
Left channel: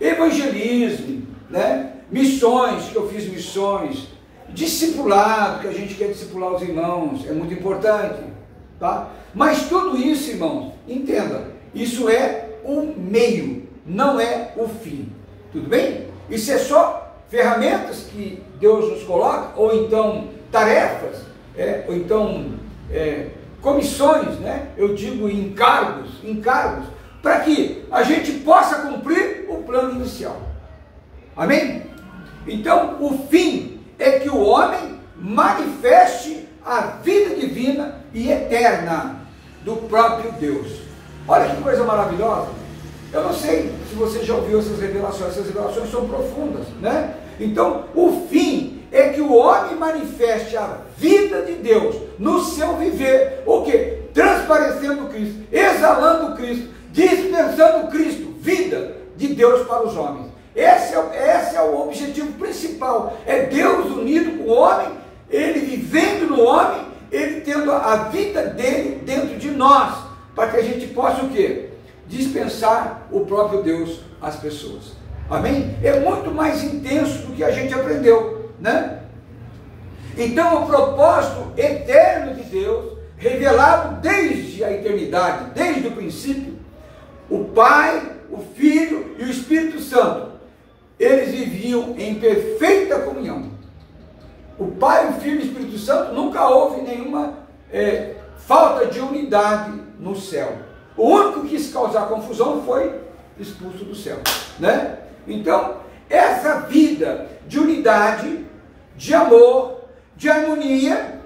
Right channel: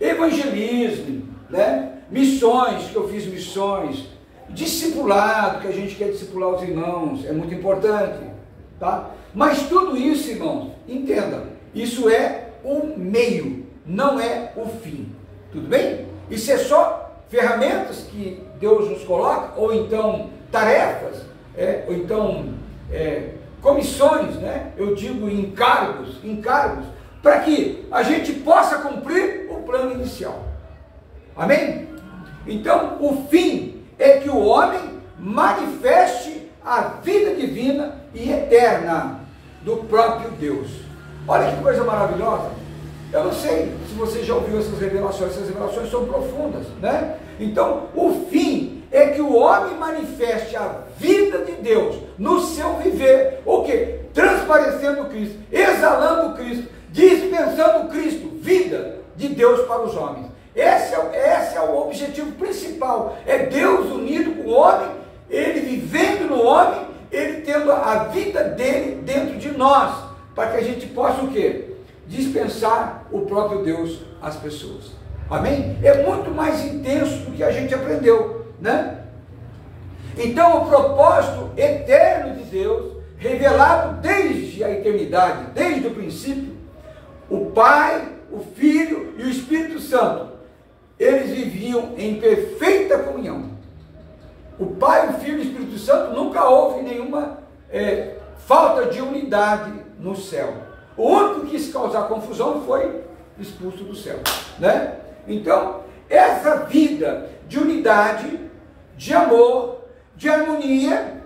evangelismo, né? Missões, que eu fiz missões, discipulado, que a gente quer discipular os irmãos, é muito importante, tá? Mas tudo isso, irmãos, entenda, isso é o meio, não é o fim, tudo bem? Isso é só ferramentas que Deus nos coloca, ou então tarefas, ou então comissões, né? Eu digo encargos, para que a gente possa cumprir o plano inicial. Amém? Então, o fim é que o homem manifeste a vida divina e eterna do próprio Deus. Olha que coisa maravilhosa. Eu não sei se você já ouviu essas revelações são profundas, né? Então, o fim é que o homem manifeste a vida de Deus no seu viver, o quê? Transparecendo Cristo, exalando Cristo, dispensando Cristo, vida de Deus para os homens. Esse é o objetivo principal, é Deus unido com o homem, ele vivendo no homem, ele tendo a vida dele dentro de nós, para que a gente possa o quê? Dispensar o próprio Deus às pessoas. Amém? É muito mais intenso do que a gente aprendeu, né? Então o propósito eterno de Deus, revelado desde a eternidade, desde o princípio, o Pai, o Filho e o Espírito Santo, eles viviam em perfeita comunhão. O Pai, o Filho e o Espírito Santo, nunca houve nenhuma falta de unidade no céu. O único que quis causar confusão foi expulso do céu, né? Então, essa vida de unidade, de amor, de harmonia,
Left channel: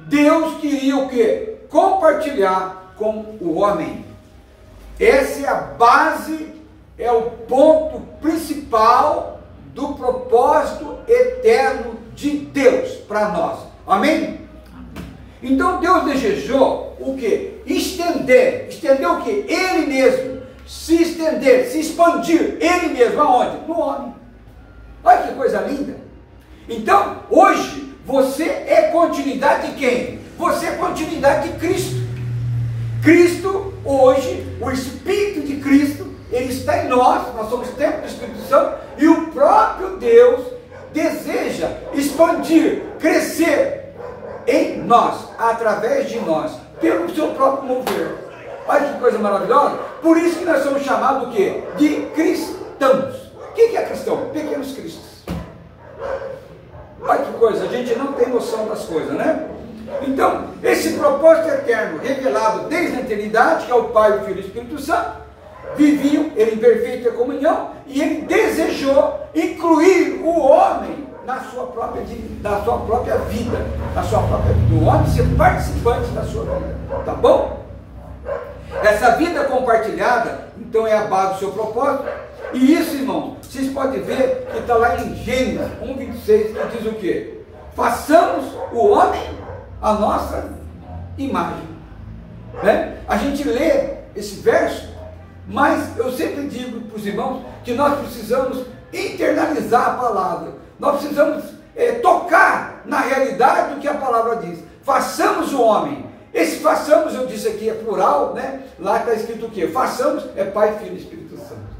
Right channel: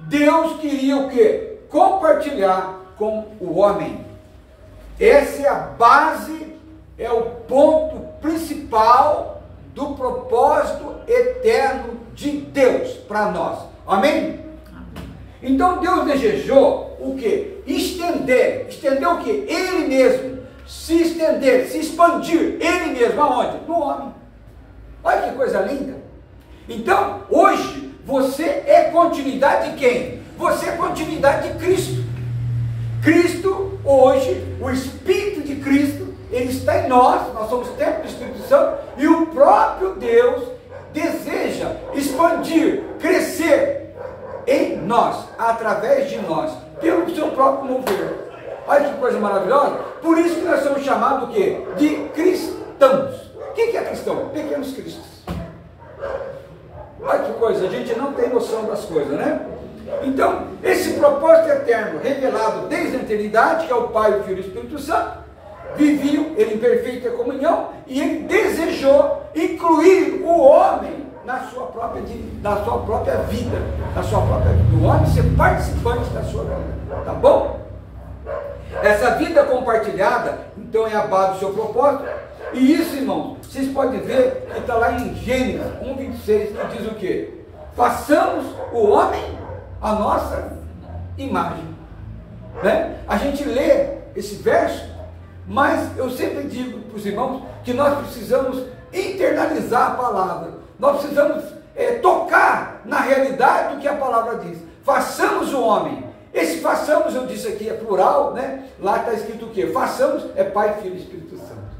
Deus queria o quê? Compartilhar com o homem. Essa é a base, é o ponto principal do propósito eterno de Deus para nós. Amém? Então Deus desejou o quê? Estender o quê? Ele mesmo, se estender, se expandir, ele mesmo, aonde? No homem. Olha que coisa linda. Então, hoje, você é continuidade de quem? Você é continuidade de Cristo. Cristo, hoje, o Espírito de Cristo, ele está em nós somos templo do Espírito Santo, e o próprio Deus deseja expandir, crescer em nós, através de nós, pelo seu próprio mover. Olha que coisa maravilhosa. Por isso que nós somos chamados o quê? De cristãos. O que é cristão? Pequenos cristos. Olha que coisa, a gente não tem noção das coisas, né? Então, esse propósito eterno, revelado desde a eternidade, que é o Pai, o Filho e o Espírito Santo, viviam ele em perfeita comunhão, e ele desejou incluir o homem na sua própria vida, o homem ser participante da sua vida, tá bom? Essa vida compartilhada, então, é a base do seu propósito. E isso, irmãos, vocês podem ver que está lá em Gênesis 1:26, que diz o quê? Façamos o homem a nossa imagem, né? A gente lê esse verso, mas eu sempre digo para os irmãos que nós precisamos internalizar a palavra, nós precisamos tocar na realidade do que a palavra diz. Façamos o homem. Esse façamos, eu disse aqui, é plural, né? Lá está escrito o quê? Façamos é Pai, Filho e Espírito Santo.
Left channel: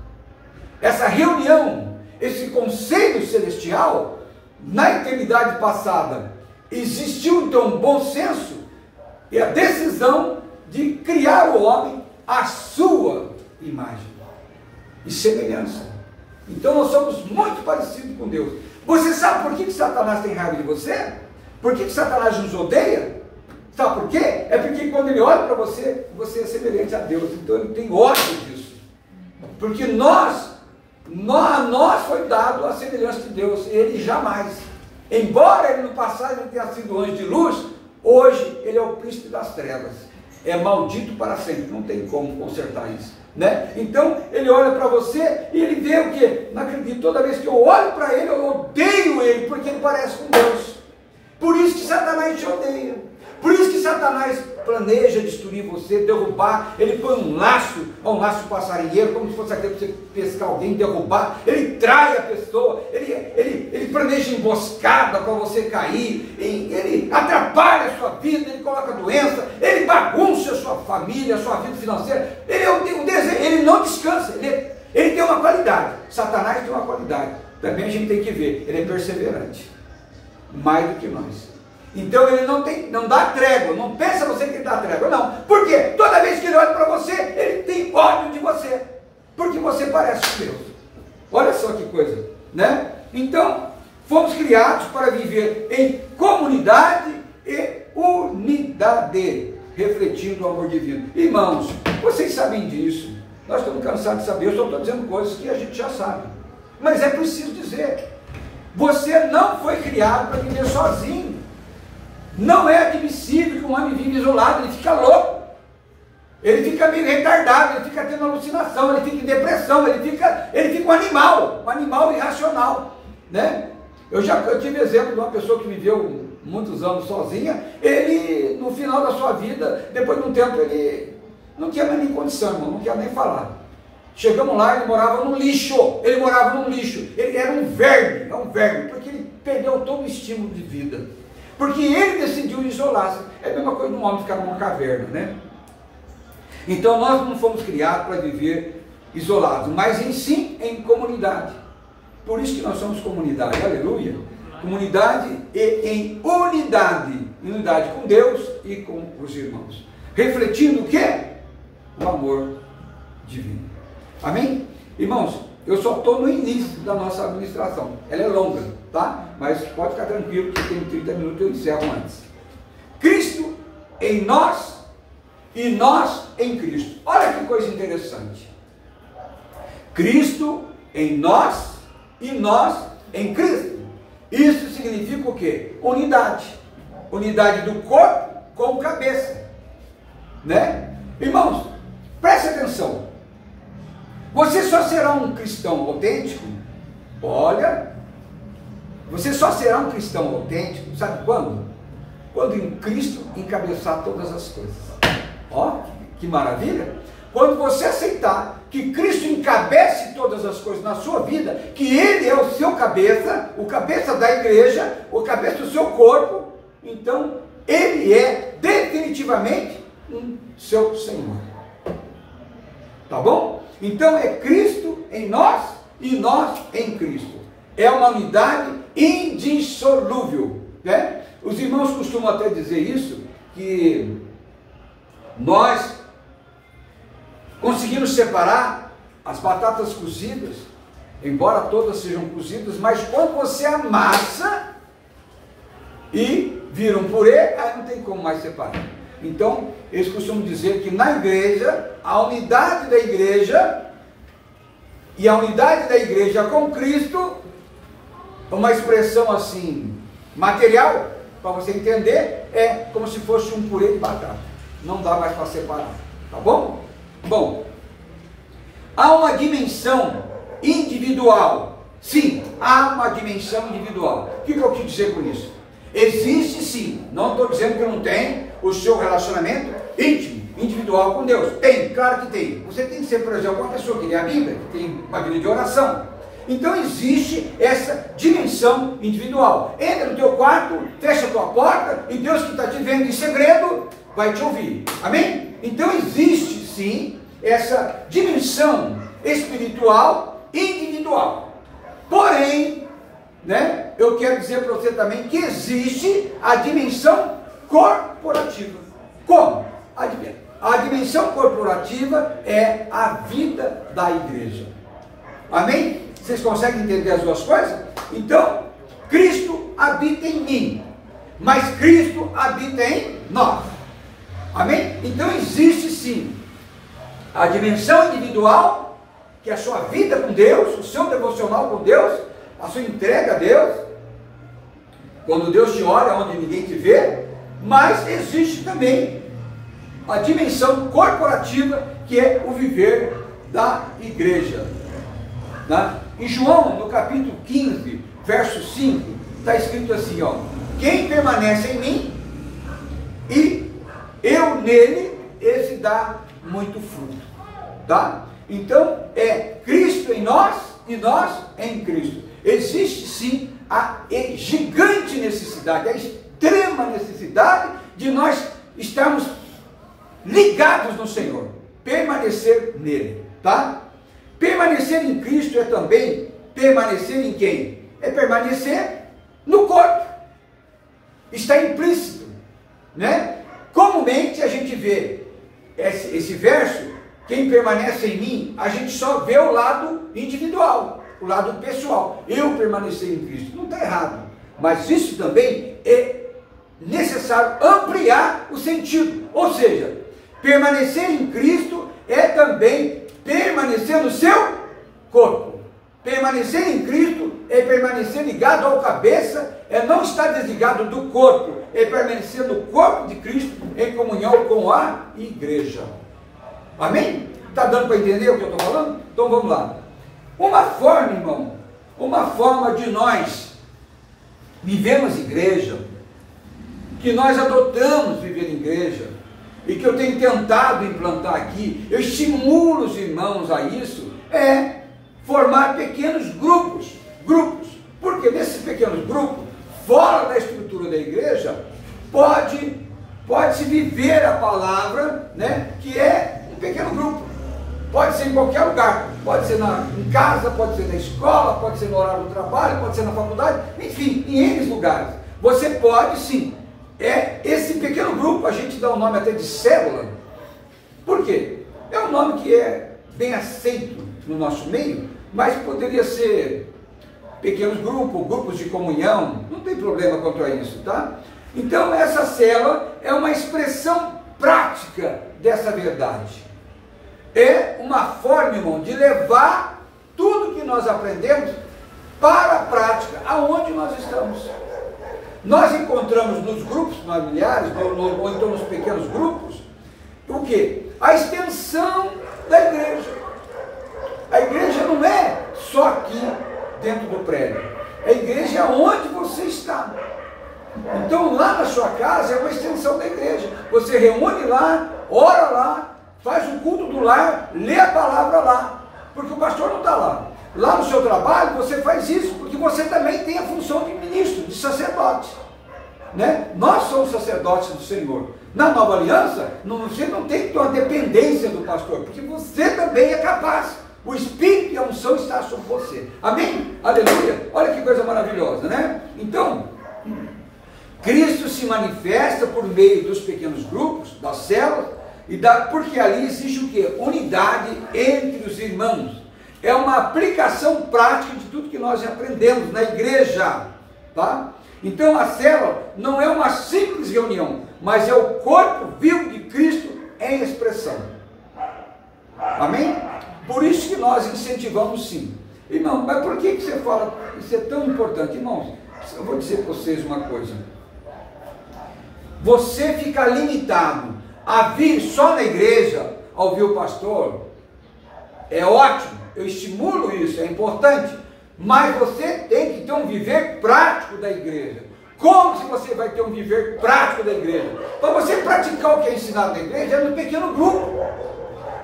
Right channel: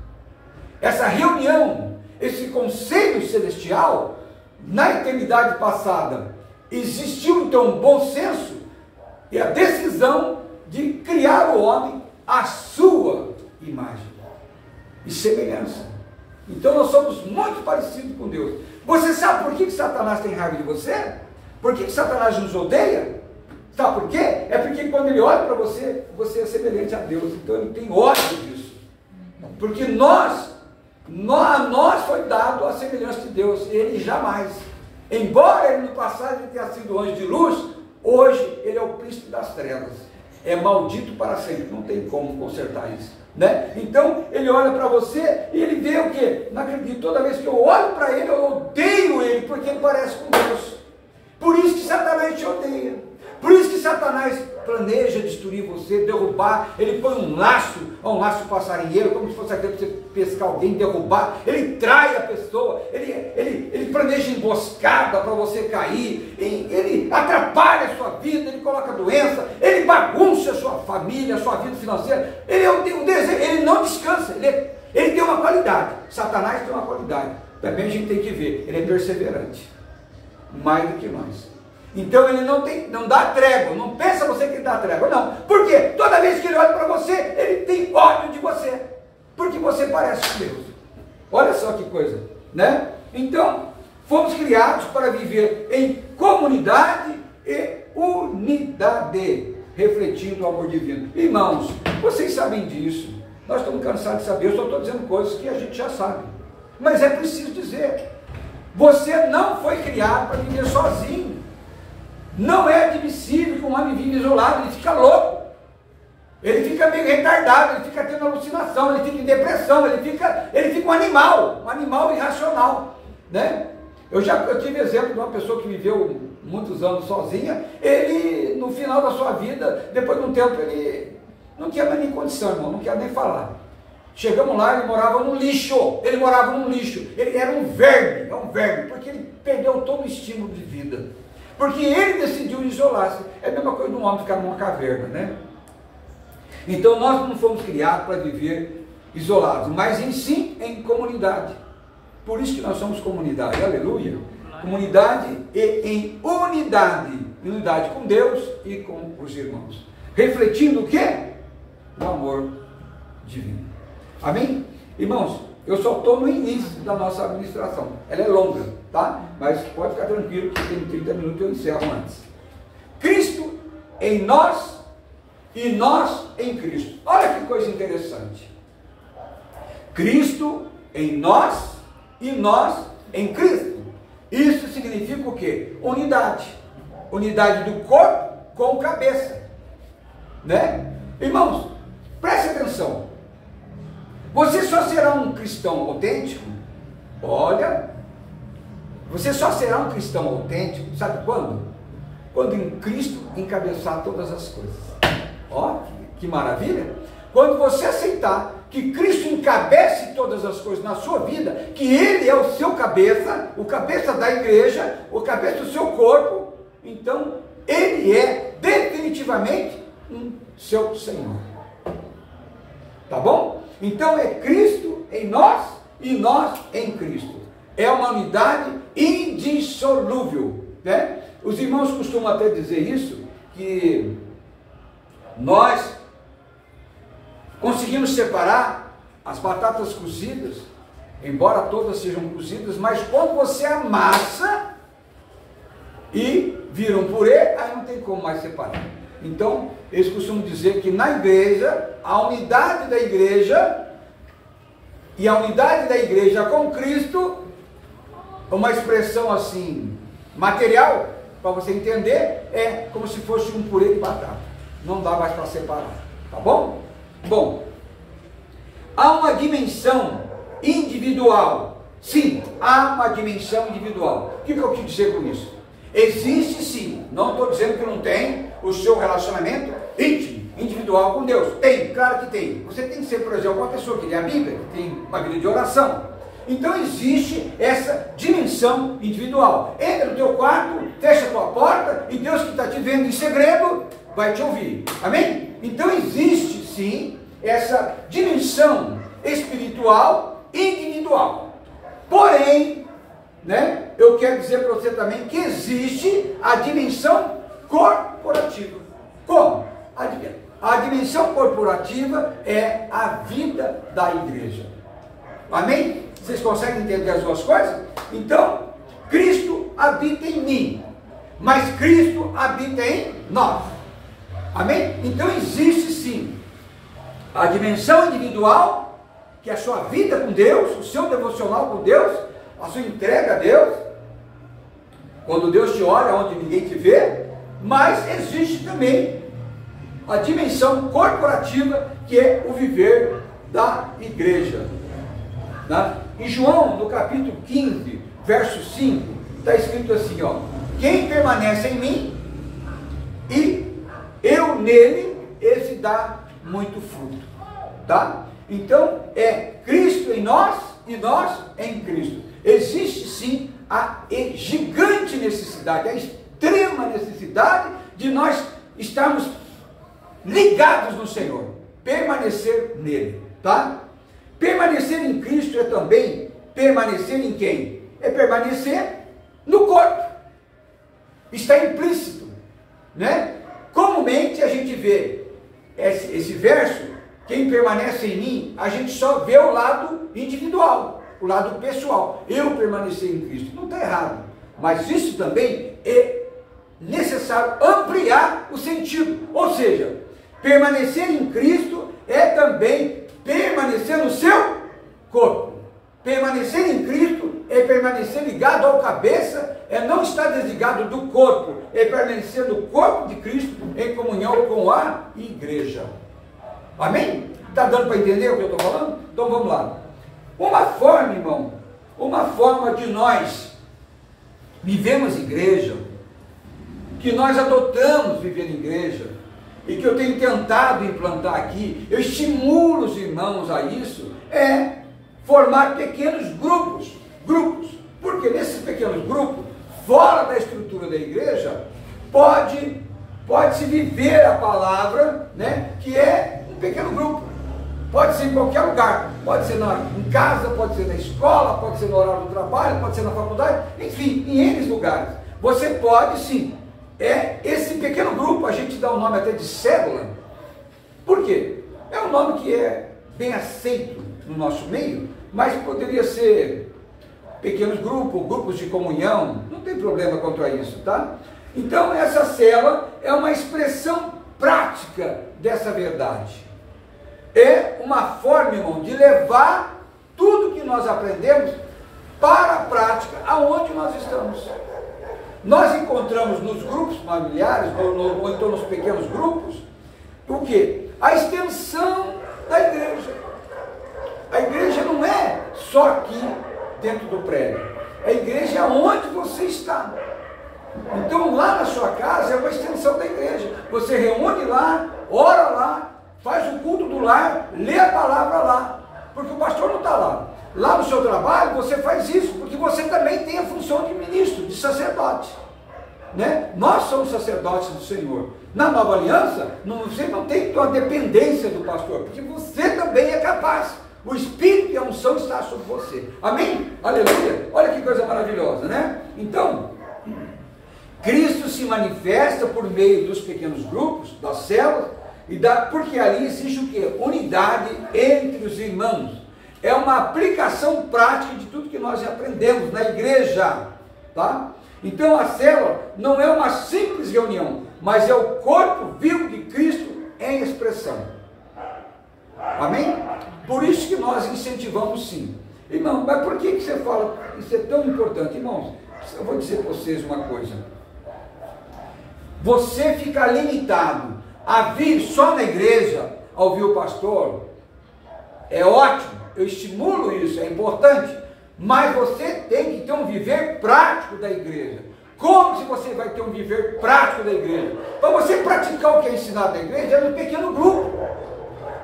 Essa reunião, esse conselho celestial, na eternidade passada, existiu então um bom senso e a decisão de criar o homem à sua imagem e semelhança. Então nós somos muito parecidos com Deus. Você sabe por que Satanás tem raiva de você? Por que Satanás nos odeia? Sabe por quê? É porque quando ele olha para você, você é semelhante a Deus. Então ele tem ódio disso. Porque a nós foi dado a semelhança de Deus. Ele jamais. Embora ele no passado ele tenha sido anjo de luz, hoje ele é o príncipe das trevas. É maldito para sempre. Não tem como consertar isso, né? Então ele olha para você e ele vê o quê? Não acredito. Toda vez que eu olho para ele, eu odeio ele, porque ele parece com Deus. Por isso que Satanás te odeia. Por isso que Satanás planeja destruir você, derrubar. Ele põe um laço passarinheiro, como se fosse aquele para você pescar alguém, derrubar. Ele trai a pessoa, ele planeja emboscada para você cair, ele atrapalha a sua vida, ele coloca doença, ele bagunça a sua família, a sua vida financeira. Ele não descansa, ele tem uma qualidade. Satanás tem uma qualidade, também a gente tem que ver, ele é perseverante, mais do que nós. Então ele não dá trégua, não pensa você que ele dá trégua, não. Por quê? Toda vez que ele olha para você, ele tem ódio de você, porque você parece com Deus. Olha só que coisa, né? Então, fomos criados para viver em comunidade e unidade, refletindo o amor divino. Irmãos, vocês sabem disso, nós estamos cansados de saber, eu só estou dizendo coisas que a gente já sabe, mas é preciso dizer, você não foi criado para viver sozinho. Não é admissível que um homem viva isolado, ele fica louco. Ele fica meio retardado, ele fica tendo alucinação, ele fica em depressão, ele fica um animal irracional, né? Eu tive exemplo de uma pessoa que viveu muitos anos sozinha. Ele, no final da sua vida, depois de um tempo, ele não tinha mais nem condição, irmão, não quero nem falar. Chegamos lá, ele morava num lixo, ele era um verme, porque ele perdeu todo o estímulo de vida, porque ele decidiu isolar-se. É a mesma coisa de um homem ficar numa caverna, né? Então nós não fomos criados para viver isolados, mas em comunidade. Por isso que nós somos comunidade, aleluia. Comunidade e em unidade com Deus e com os irmãos, refletindo o quê? O amor divino. Amém? Irmãos, eu só estou no início da nossa administração, ela é longa, tá? Mas pode ficar tranquilo que tem 30 minutos, eu encerro antes. Cristo em nós e nós em Cristo. Olha que coisa interessante. Cristo em nós e nós em Cristo. Isso significa o quê? Unidade. Unidade do corpo com o cabeça, né? Irmãos, preste atenção. Você só será um cristão autêntico, olha, você só será um cristão autêntico, sabe quando? Quando em Cristo encabeçar todas as coisas. Ó, que maravilha! Quando você aceitar que Cristo encabece todas as coisas na sua vida, que Ele é o seu cabeça, o cabeça da igreja, o cabeça do seu corpo, então Ele é definitivamente seu Senhor. Tá bom? Então é Cristo em nós e nós em Cristo. É uma unidade indissolúvel, né? Os irmãos costumam até dizer isso, que nós conseguimos separar as batatas cozidas, embora todas sejam cozidas, mas quando você amassa e vira um purê, aí não tem como mais separar. Então, eles costumam dizer que na igreja, a unidade da igreja e a unidade da igreja com Cristo, uma expressão assim, material, para você entender, é como se fosse um purê de batata. Não dá mais para separar, tá bom? Bom, há uma dimensão individual. Sim, há uma dimensão individual. O que eu quis dizer com isso? Existe sim, não estou dizendo que não tem o seu relacionamento íntimo, individual com Deus. Tem, claro que tem. Você tem que ser, por exemplo, uma pessoa que lê a Bíblia, que tem uma vida de oração. Então existe essa dimensão individual. Entra no teu quarto, fecha a tua porta, e Deus que está te vendo em segredo vai te ouvir. Amém? Então existe sim essa dimensão espiritual individual. Porém, né, eu quero dizer para você também que existe a dimensão corporativa. Como? A dimensão corporativa é a vida da igreja. Amém? Vocês conseguem entender as duas coisas? Então, Cristo habita em mim, mas Cristo habita em nós. Amém? Então existe sim a dimensão individual, que é a sua vida com Deus, o seu devocional com Deus, a sua entrega a Deus, quando Deus te olha onde ninguém te vê. Mas existe também a dimensão corporativa, que é o viver da igreja, né? Em João, no capítulo 15, verso 5, está escrito assim, ó: quem permanece em mim e eu nele, esse dá muito fruto, tá? Então é Cristo em nós e nós em Cristo. Existe sim a gigante necessidade, a extrema necessidade de nós estarmos ligados no Senhor, permanecer nele, tá? Permanecer em Cristo é também permanecer em quem? É permanecer no corpo. Está implícito, né? Comumente a gente vê esse verso, quem permanece em mim, a gente só vê o lado individual, o lado pessoal. Eu permanecer em Cristo. Não está errado, mas isso também é necessário ampliar o sentido. Ou seja, permanecer em Cristo é também permanecer no seu corpo. Permanecer em Cristo é permanecer ligado ao cabeça, é não estar desligado do corpo, é permanecer no corpo de Cristo em comunhão com a igreja. Amém? Está dando para entender o que eu estou falando? Então vamos lá. Uma forma, irmão, uma forma de nós vivemos igreja, que nós adotamos viver em igreja, e que eu tenho tentado implantar aqui, eu estimulo os irmãos a isso, é formar pequenos grupos, porque nesses pequenos grupos, fora da estrutura da igreja, pode-se viver a palavra, né, que é um pequeno grupo, pode ser em qualquer lugar, pode ser em casa, pode ser na escola, pode ser no horário do trabalho, pode ser na faculdade, enfim, em N lugares, você pode sim. Esse pequeno grupo, a gente dá o nome até de célula. Por quê? É um nome que é bem aceito no nosso meio, mas poderia ser pequenos grupos, grupos de comunhão, não tem problema quanto a isso, tá? Então essa célula é uma expressão prática dessa verdade. É uma forma, irmão, de levar tudo que nós aprendemos para a prática aonde nós estamos. Nós encontramos nos grupos familiares, ou então nos pequenos grupos, o quê? A extensão da igreja. A igreja não é só aqui dentro do prédio. A igreja é onde você está. Então lá na sua casa é uma extensão da igreja. Você reúne lá, ora lá, faz o culto do lar, lê a palavra lá. Porque o pastor não está lá. Lá no seu trabalho você faz isso, porque você também tem a função de ministro, de sacerdote. Né? Nós somos sacerdotes do Senhor. Na nova aliança, você não tem que ter uma dependência do pastor, porque você também é capaz. O Espírito e a unção está sobre você. Amém? Aleluia! Olha que coisa maravilhosa, né? Então, Cristo se manifesta por meio dos pequenos grupos, das células, porque ali existe o quê? Unidade entre os irmãos. É uma aplicação prática de tudo que nós aprendemos na igreja, tá? Então a célula não é uma simples reunião, mas é o corpo vivo de Cristo em expressão. Amém? Por isso que nós incentivamos sim. Irmão, mas por que você fala isso é tão importante? Irmãos, eu vou dizer para vocês uma coisa. Você ficar limitado a vir só na igreja, a ouvir o pastor, é ótimo, eu estimulo isso, é importante, mas você tem que ter um viver prático da igreja. Como se você vai ter um viver prático da igreja? Para você praticar o que é ensinado na igreja, é no pequeno grupo.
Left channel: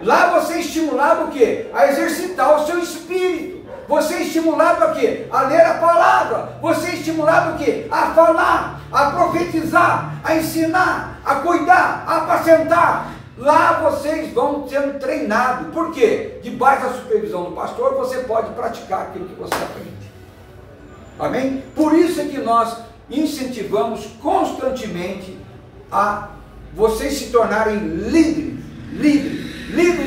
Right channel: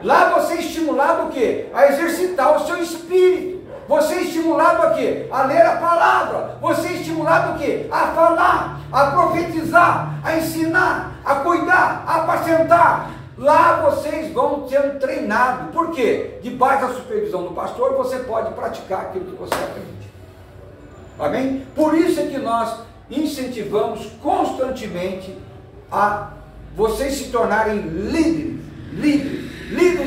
Lá você é estimulado o quê? A exercitar o seu espírito. Você é estimulado a quê? A ler a palavra. Você é estimulado o quê? A falar, a profetizar, a ensinar, a cuidar, a apacentar. Lá vocês vão sendo treinados. Por quê? Debaixo da supervisão do pastor, você pode praticar aquilo que você aprende. Amém? Por isso é que nós incentivamos constantemente a vocês se tornarem líderes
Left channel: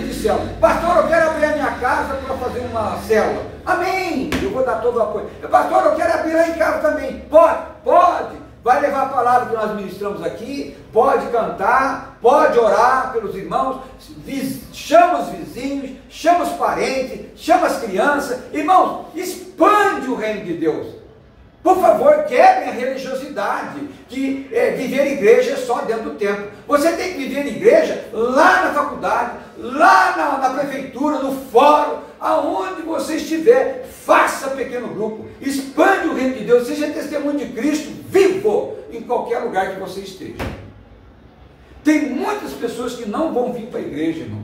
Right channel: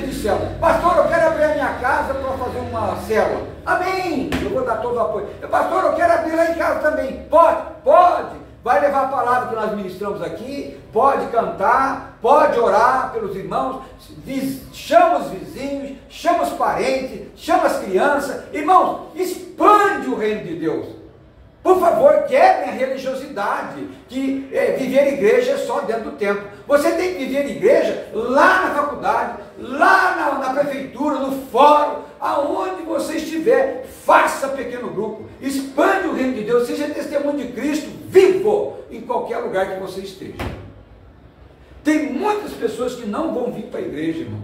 de célula. Pastor, eu quero abrir a minha casa para fazer uma célula. Amém! Eu vou dar todo o apoio. Pastor, eu quero abrir lá em casa também. Pode. Vai levar a palavra que nós ministramos aqui, pode cantar, pode orar pelos irmãos, chama os vizinhos, chama os parentes, chama as crianças. Irmãos, expande o reino de Deus. Por favor, quebrem a religiosidade, que viver igreja é só dentro do templo. Você tem que viver igreja lá na faculdade, lá na prefeitura, no fórum, aonde você estiver, faça pequeno grupo, expande o reino de Deus, seja testemunho de Cristo vivo em qualquer lugar que você esteja. Tem muitas pessoas que não vão vir para a igreja, irmão.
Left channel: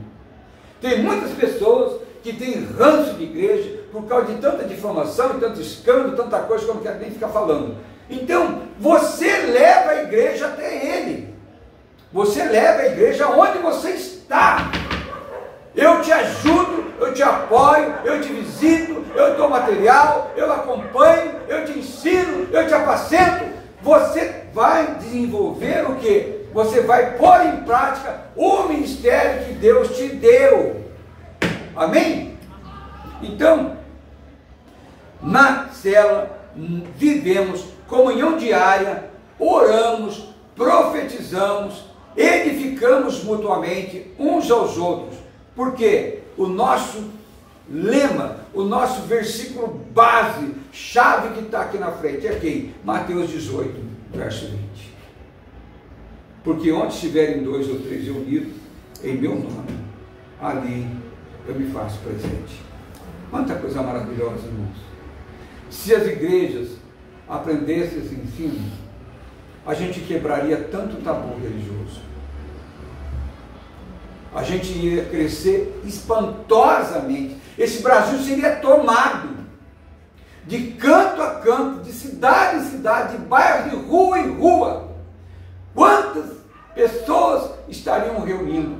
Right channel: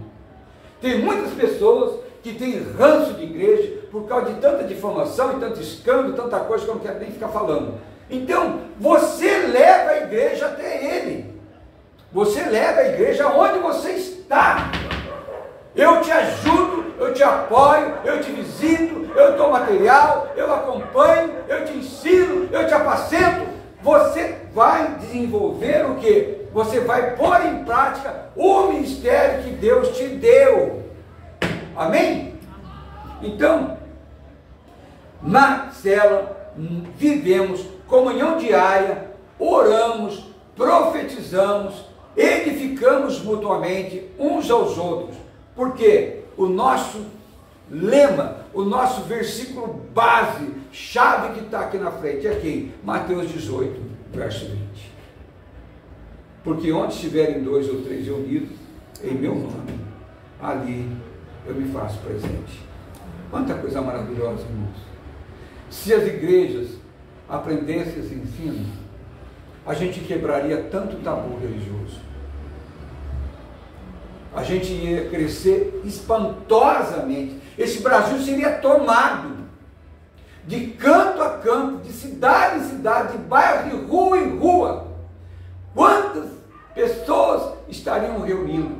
Tem muitas pessoas que têm ranço de igreja por causa de tanta difamação e tanto escândalo, tanta coisa que eu não quero nem ficar falando. Então, você leva a igreja até ele. Você leva a igreja onde você está. Eu te ajudo, eu te apoio, eu te visito, eu dou material, eu acompanho, eu te ensino, eu te apacento. Você vai desenvolver o quê? Você vai pôr em prática o ministério que Deus te deu. Amém? Então, na célula, vivemos comunhão diária, oramos, profetizamos, edificamos mutuamente uns aos outros, porque o nosso lema, o nosso versículo base, chave que está aqui na frente, é quem? Mateus 18, verso 20. Porque onde estiverem 2 ou 3 reunidos, em meu nome, ali eu me faço presente. Quanta coisa maravilhosa, irmãos. Se as igrejas aprendessem esse ensino, a gente quebraria tanto tabu religioso. A gente ia crescer espantosamente. Esse Brasil seria tomado de canto a canto, de cidade em cidade, de bairro, de rua em rua. Quantas pessoas estariam reunindo?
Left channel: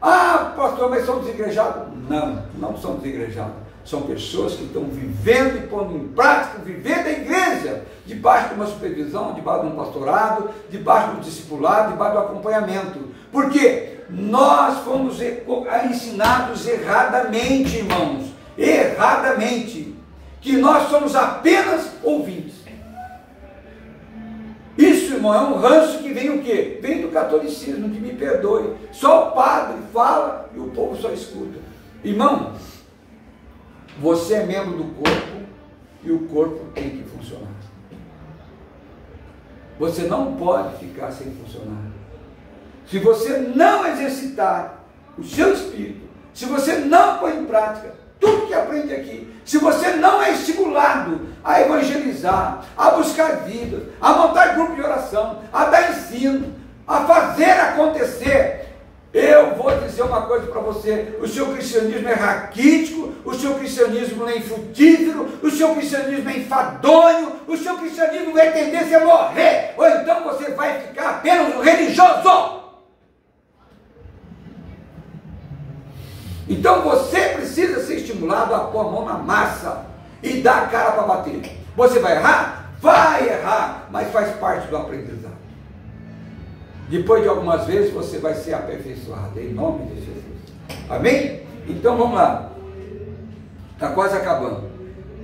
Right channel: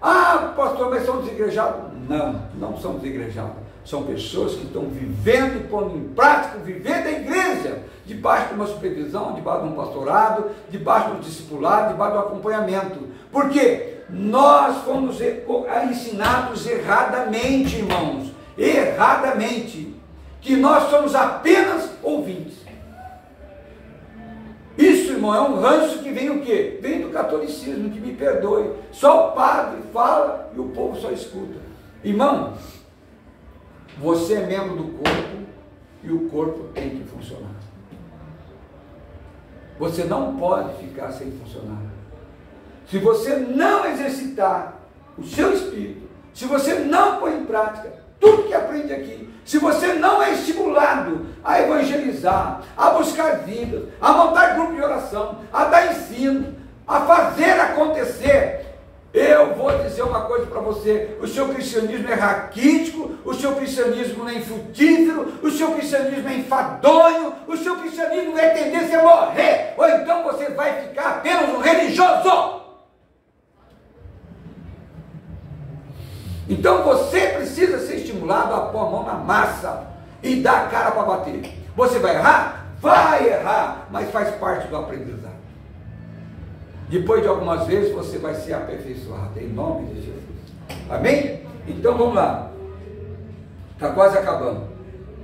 Ah, pastor, mas são desigrejados? Não, não são desigrejados. São pessoas que estão vivendo e pondo em prática, vivendo a igreja, debaixo de uma supervisão, debaixo de um pastorado, debaixo de um discipulado, debaixo de um acompanhamento. Por quê? Nós fomos ensinados erradamente, irmãos, erradamente, que nós somos apenas ouvintes. Isso, irmão, é um ranço que vem o quê? Vem do catolicismo, que me perdoe. Só o padre fala e o povo só escuta. Irmão, você é membro do corpo e o corpo tem que funcionar. Você não pode ficar sem funcionar. Se você não exercitar o seu espírito, se você não pôr em prática tudo que aprende aqui, se você não é estimulado a evangelizar, a buscar vidas, a montar grupo de oração, a dar ensino, a fazer acontecer, eu vou dizer uma coisa para você: o seu cristianismo é raquítico, o seu cristianismo não é infrutífero, o seu cristianismo é enfadonho, o seu cristianismo vai tendência a morrer, ou então você vai ficar apenas um religioso. Então você precisa ser estimulado a pôr a mão na massa e dar a cara para bater. Você vai errar? Vai errar, mas faz parte do aprendizado. Depois de algumas vezes você vai ser aperfeiçoado, em nome de Jesus. Amém? Então vamos lá. Está quase acabando.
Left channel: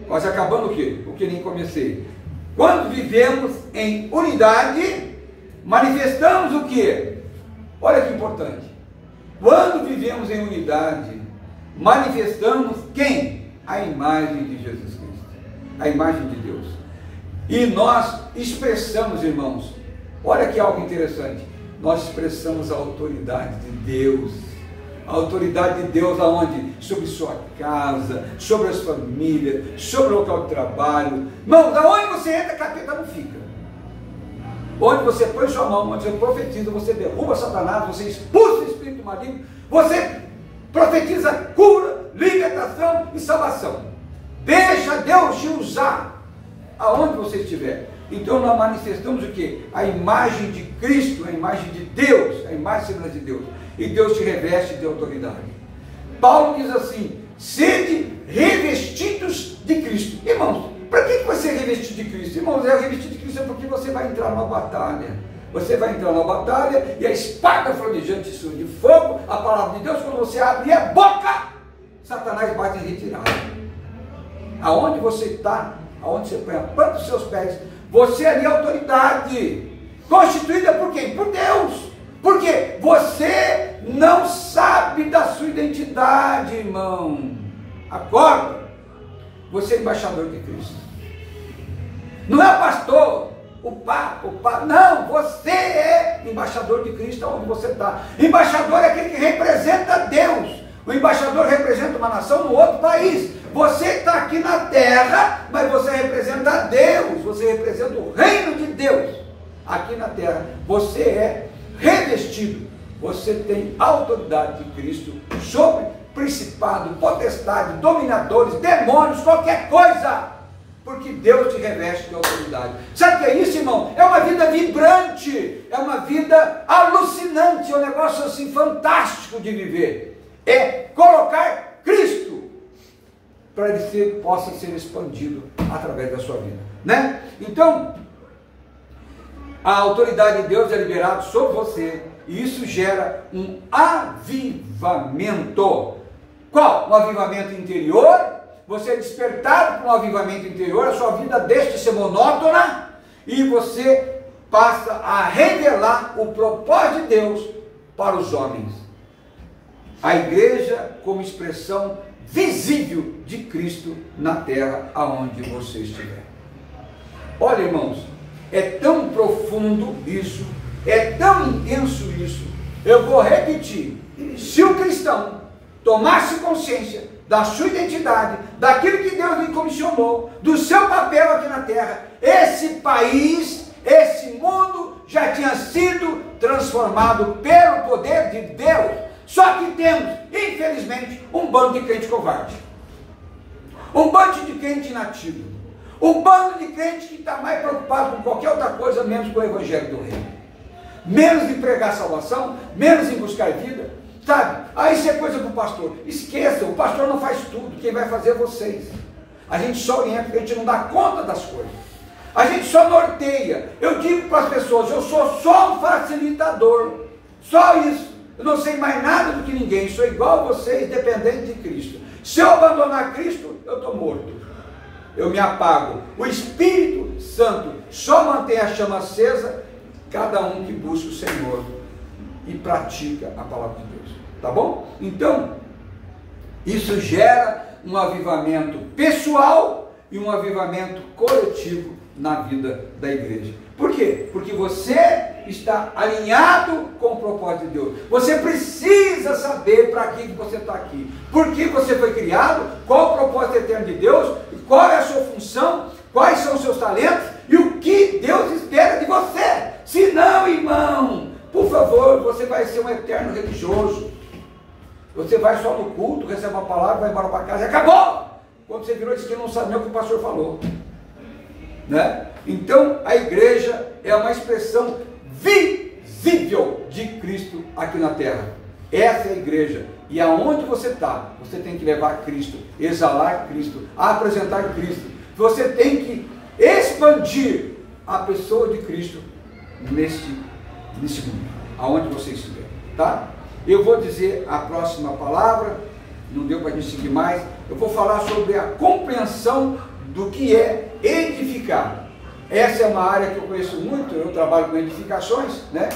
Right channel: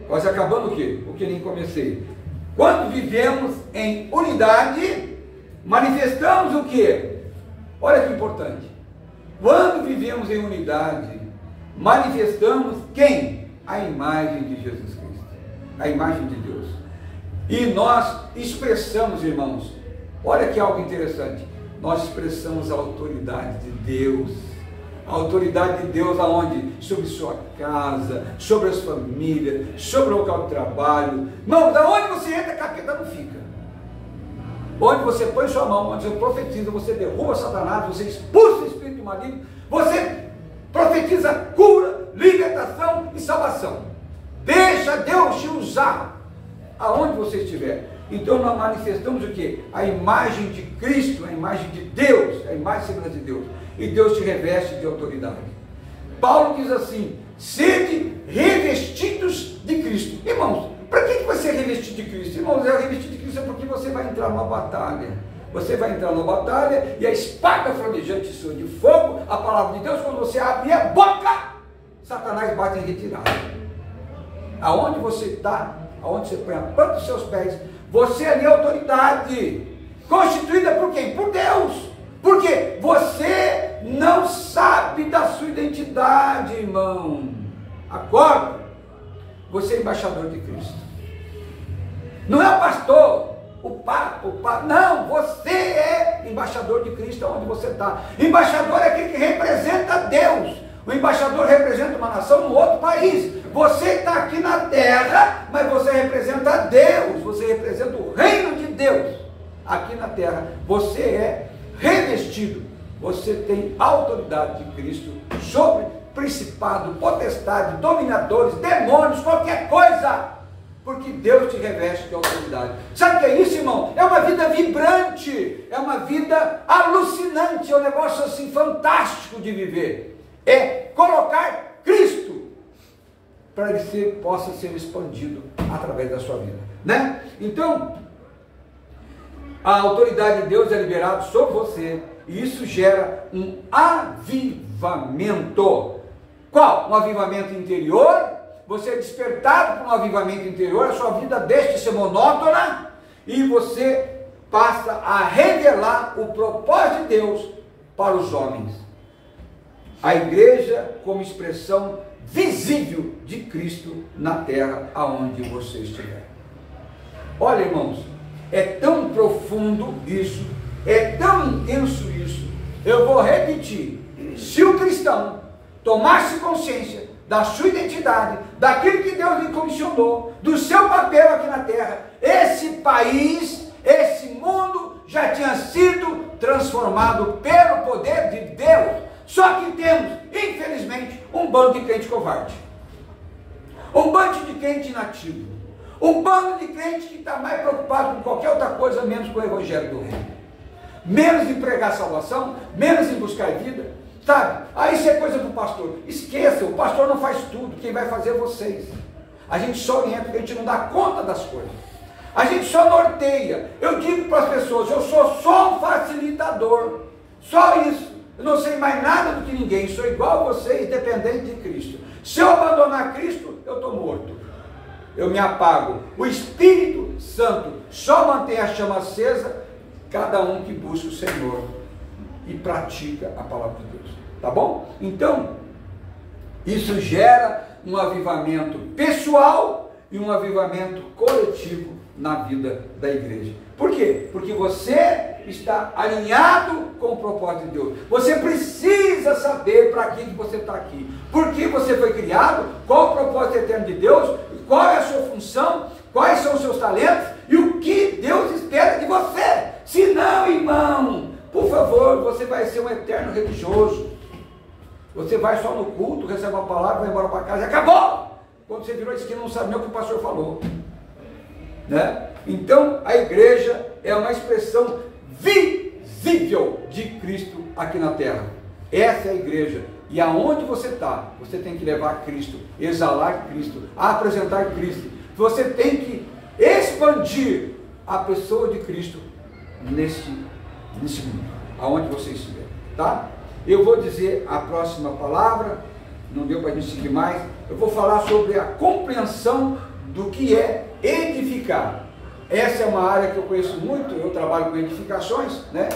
Quase acabando o quê? O que nem comecei. Quando vivemos em unidade, manifestamos o quê? Olha que importante. Quando vivemos em unidade, manifestamos quem? A imagem de Jesus Cristo. A imagem de Deus. E nós expressamos, irmãos, olha que algo interessante. Nós expressamos a autoridade de Deus. A autoridade de Deus aonde? Sobre sua casa, sobre as famílias, sobre o local de trabalho. Irmãos, aonde você entra, capeta não fica. Onde você põe sua mão, onde você profetiza, você derruba Satanás, você expulsa o espírito maligno, você profetiza cura, libertação e salvação. Deixa Deus te usar aonde você estiver. Então nós manifestamos o quê? A imagem de Cristo, a imagem de Deus, a imagem e semelhança de Deus. E Deus te reveste de autoridade. Paulo diz assim: sede revestidos de Cristo. Irmãos, para que você é revestido de Cristo? Irmãos, é revestido de Cristo é porque você vai entrar numa batalha. Você vai entrar numa batalha e a espada flamejante sua de fogo, a palavra de Deus, quando você abre a boca, Satanás bate em retirada. Aonde você está, aonde você põe a planta dos seus pés, você ali é autoridade. Constituída por quem? Por Deus. Porque você não sabe da sua identidade, irmão. Acorda. Você é embaixador de Cristo. Não é o pastor, o papa, não, você é embaixador de Cristo onde você está. Embaixador é aquele que representa Deus. O embaixador representa uma nação no outro país. Você está aqui na terra, mas você representa Deus, você representa o reino de Deus aqui na terra. Você é revestido, você tem autoridade de Cristo sobre principado, potestade, dominadores, demônios, qualquer coisa, porque Deus te reveste de autoridade. Sabe o que é isso, irmão? É uma vida vibrante, é uma vida alucinante, é um negócio assim fantástico de viver. É colocar Cristo para ele possa ser expandido através da sua vida, né? Então, a autoridade de Deus é liberada sobre você e isso gera um avivamento. Qual? Um avivamento interior. Você é despertado para um avivamento interior, a sua vida deixa de ser monótona e você passa a revelar o propósito de Deus para os homens. A igreja como expressão visível de Cristo na terra aonde você estiver. Olha, irmãos, é tão profundo isso, é tão intenso isso. Eu vou repetir: se o cristão tomasse consciência da sua identidade, daquilo que Deus lhe comissionou, do seu papel aqui na terra, esse país, esse mundo já tinha sido transformado pelo poder de Deus. Só que temos, infelizmente, um bando de crente covarde, um bando de crente inativo, um bando de crente que está mais preocupado com qualquer outra coisa, menos com o evangelho do reino, menos em pregar salvação, menos em buscar vida, sabe? Ah, isso é coisa para o pastor. Esqueça, o pastor não faz tudo, quem vai fazer é vocês. A gente só orienta porque a gente não dá conta das coisas, a gente só norteia. Eu digo para as pessoas, eu sou só um facilitador, só isso. Eu não sei mais nada do que ninguém, sou igual a vocês, dependente de Cristo. Se eu abandonar Cristo, eu estou morto, eu me apago. O Espírito Santo só mantém a chama acesa, cada um que busca o Senhor e pratica a palavra de Deus, tá bom? Então, isso gera um avivamento pessoal e um avivamento coletivo na vida da igreja. Por quê? Porque você está alinhado com o propósito de Deus. Você precisa saber para que você está aqui, por que você foi criado, qual o propósito eterno de Deus, qual é a sua função, quais são os seus talentos e o que Deus espera de você. Se não, irmão, por favor, você vai ser um eterno religioso. Você vai só no culto, recebe uma palavra, vai embora para casa e acabou. Quando você virou esquina, não sabe nem o que o pastor falou, né? Então, a igreja é uma expressão visível de Cristo aqui na terra. Essa é a igreja. E aonde você está, você tem que levar Cristo, exalar Cristo, apresentar Cristo. Você tem que expandir a pessoa de Cristo nesse mundo, aonde você estiver, tá? Eu vou dizer a próxima palavra, não deu para a gente seguir mais. Eu vou falar sobre a compreensão do que é edificar. Essa é uma área que eu conheço muito, eu trabalho com edificações, né?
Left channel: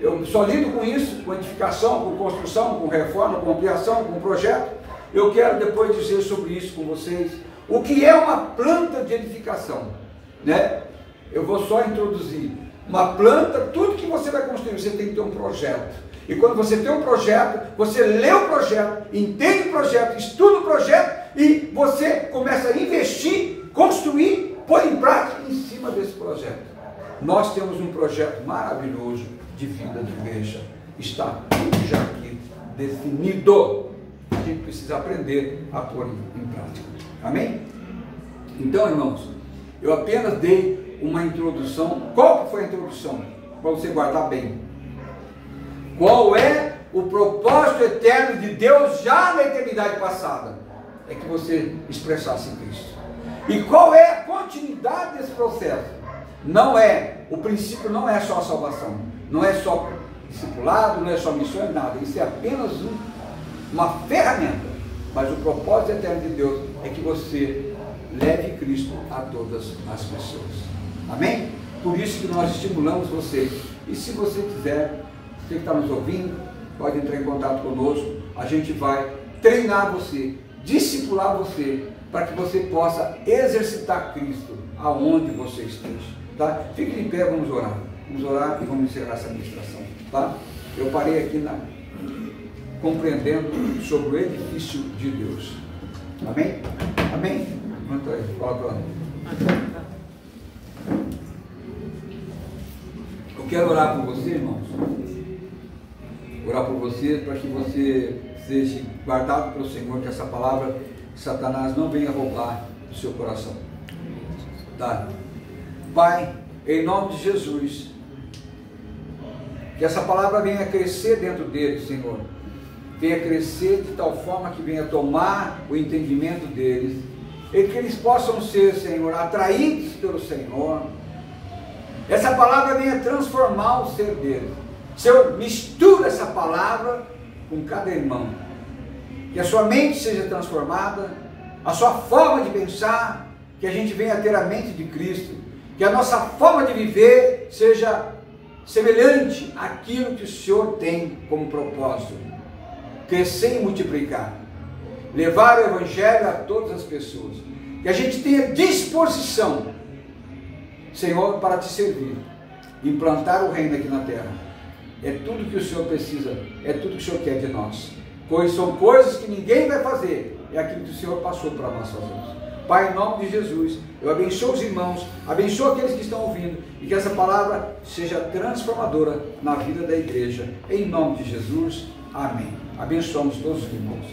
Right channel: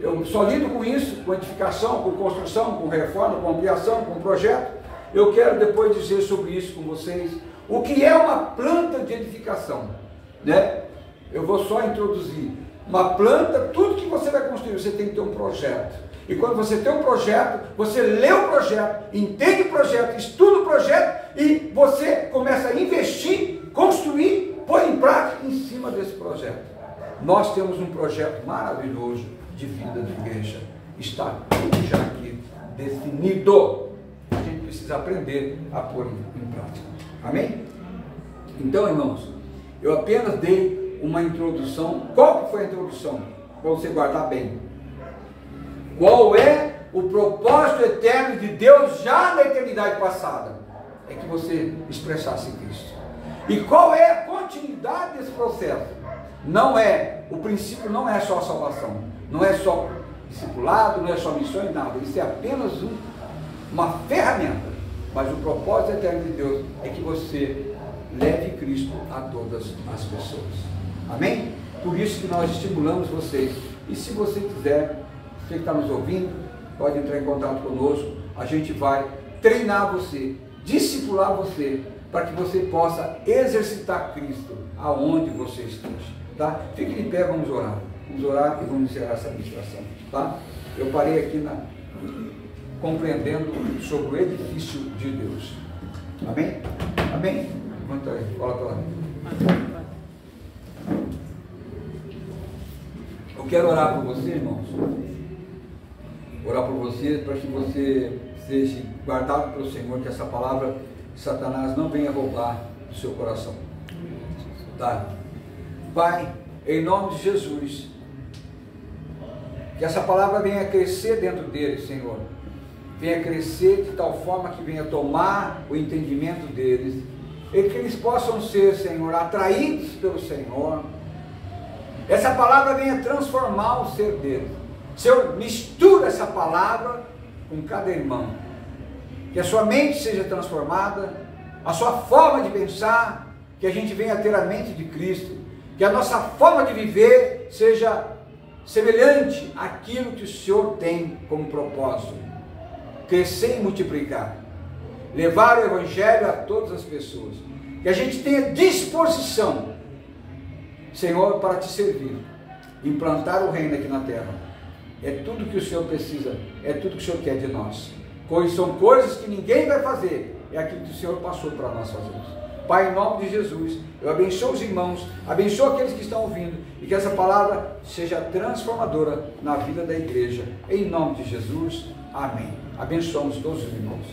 Eu só lido com isso, com edificação, com construção, com reforma, com ampliação, com projeto. Eu quero depois dizer sobre isso com vocês, o que é uma planta de edificação, né? Eu vou só introduzir. Uma planta, tudo que você vai construir, você tem que ter um projeto. E quando você tem um projeto, você lê o projeto, entende o projeto, estuda o projeto e você começa a investir, construir, pôr em prática em cima desse projeto. Nós temos um projeto maravilhoso de vida de igreja. Está tudo já aqui definido. A gente precisa aprender a pôr em prática. Amém? Então, irmãos, eu apenas dei uma introdução. Qual que foi a introdução? Para você guardar bem. Qual é o propósito eterno de Deus já na eternidade passada? É que você expressasse Cristo. E qual é a continuidade desse processo? Não é, o princípio não é só a salvação, não é só discipulado, não é só missões, nada. Isso é apenas uma ferramenta. Mas o propósito eterno de Deus é que você leve Cristo a todas as pessoas. Amém? Por isso que nós estimulamos vocês. E se você quiser, você que está nos ouvindo, pode entrar em contato conosco. A gente vai treinar você, discipular você, para que você possa exercitar Cristo aonde você esteja. Tá? Fique de pé, vamos orar. Vamos orar e vamos encerrar essa ministração. Tá? Eu parei aqui compreendendo sobre o edifício de Deus. Amém? Amém? Levanta aí, fala para lá. Eu quero orar por você, irmãos. Orar por você, para que você seja guardado pelo Senhor, que essa palavra de Satanás não venha roubar do seu coração. Tá? Pai, em nome de Jesus, que essa palavra venha crescer dentro deles, Senhor. Venha crescer de tal forma que venha tomar o entendimento deles, e que eles possam ser, Senhor, atraídos pelo Senhor. Essa palavra venha transformar o ser deles. Senhor, mistura essa palavra com cada irmão. Que a sua mente seja transformada, a sua forma de pensar, que a gente venha ter a mente de Cristo, que a nossa forma de viver seja semelhante àquilo que o Senhor tem como propósito. Crescer e multiplicar, levar o Evangelho a todas as pessoas, que a gente tenha disposição, Senhor, para te servir, implantar o reino aqui na terra. É tudo que o Senhor precisa, é tudo que o Senhor quer de nós. São coisas que ninguém vai fazer, é aquilo que o Senhor passou para nós fazermos. Pai, em nome de Jesus, eu abençoo os irmãos, abençoo aqueles que estão ouvindo, e que essa palavra seja transformadora na vida da igreja. Em nome de Jesus, amém. Abençoamos todos os irmãos.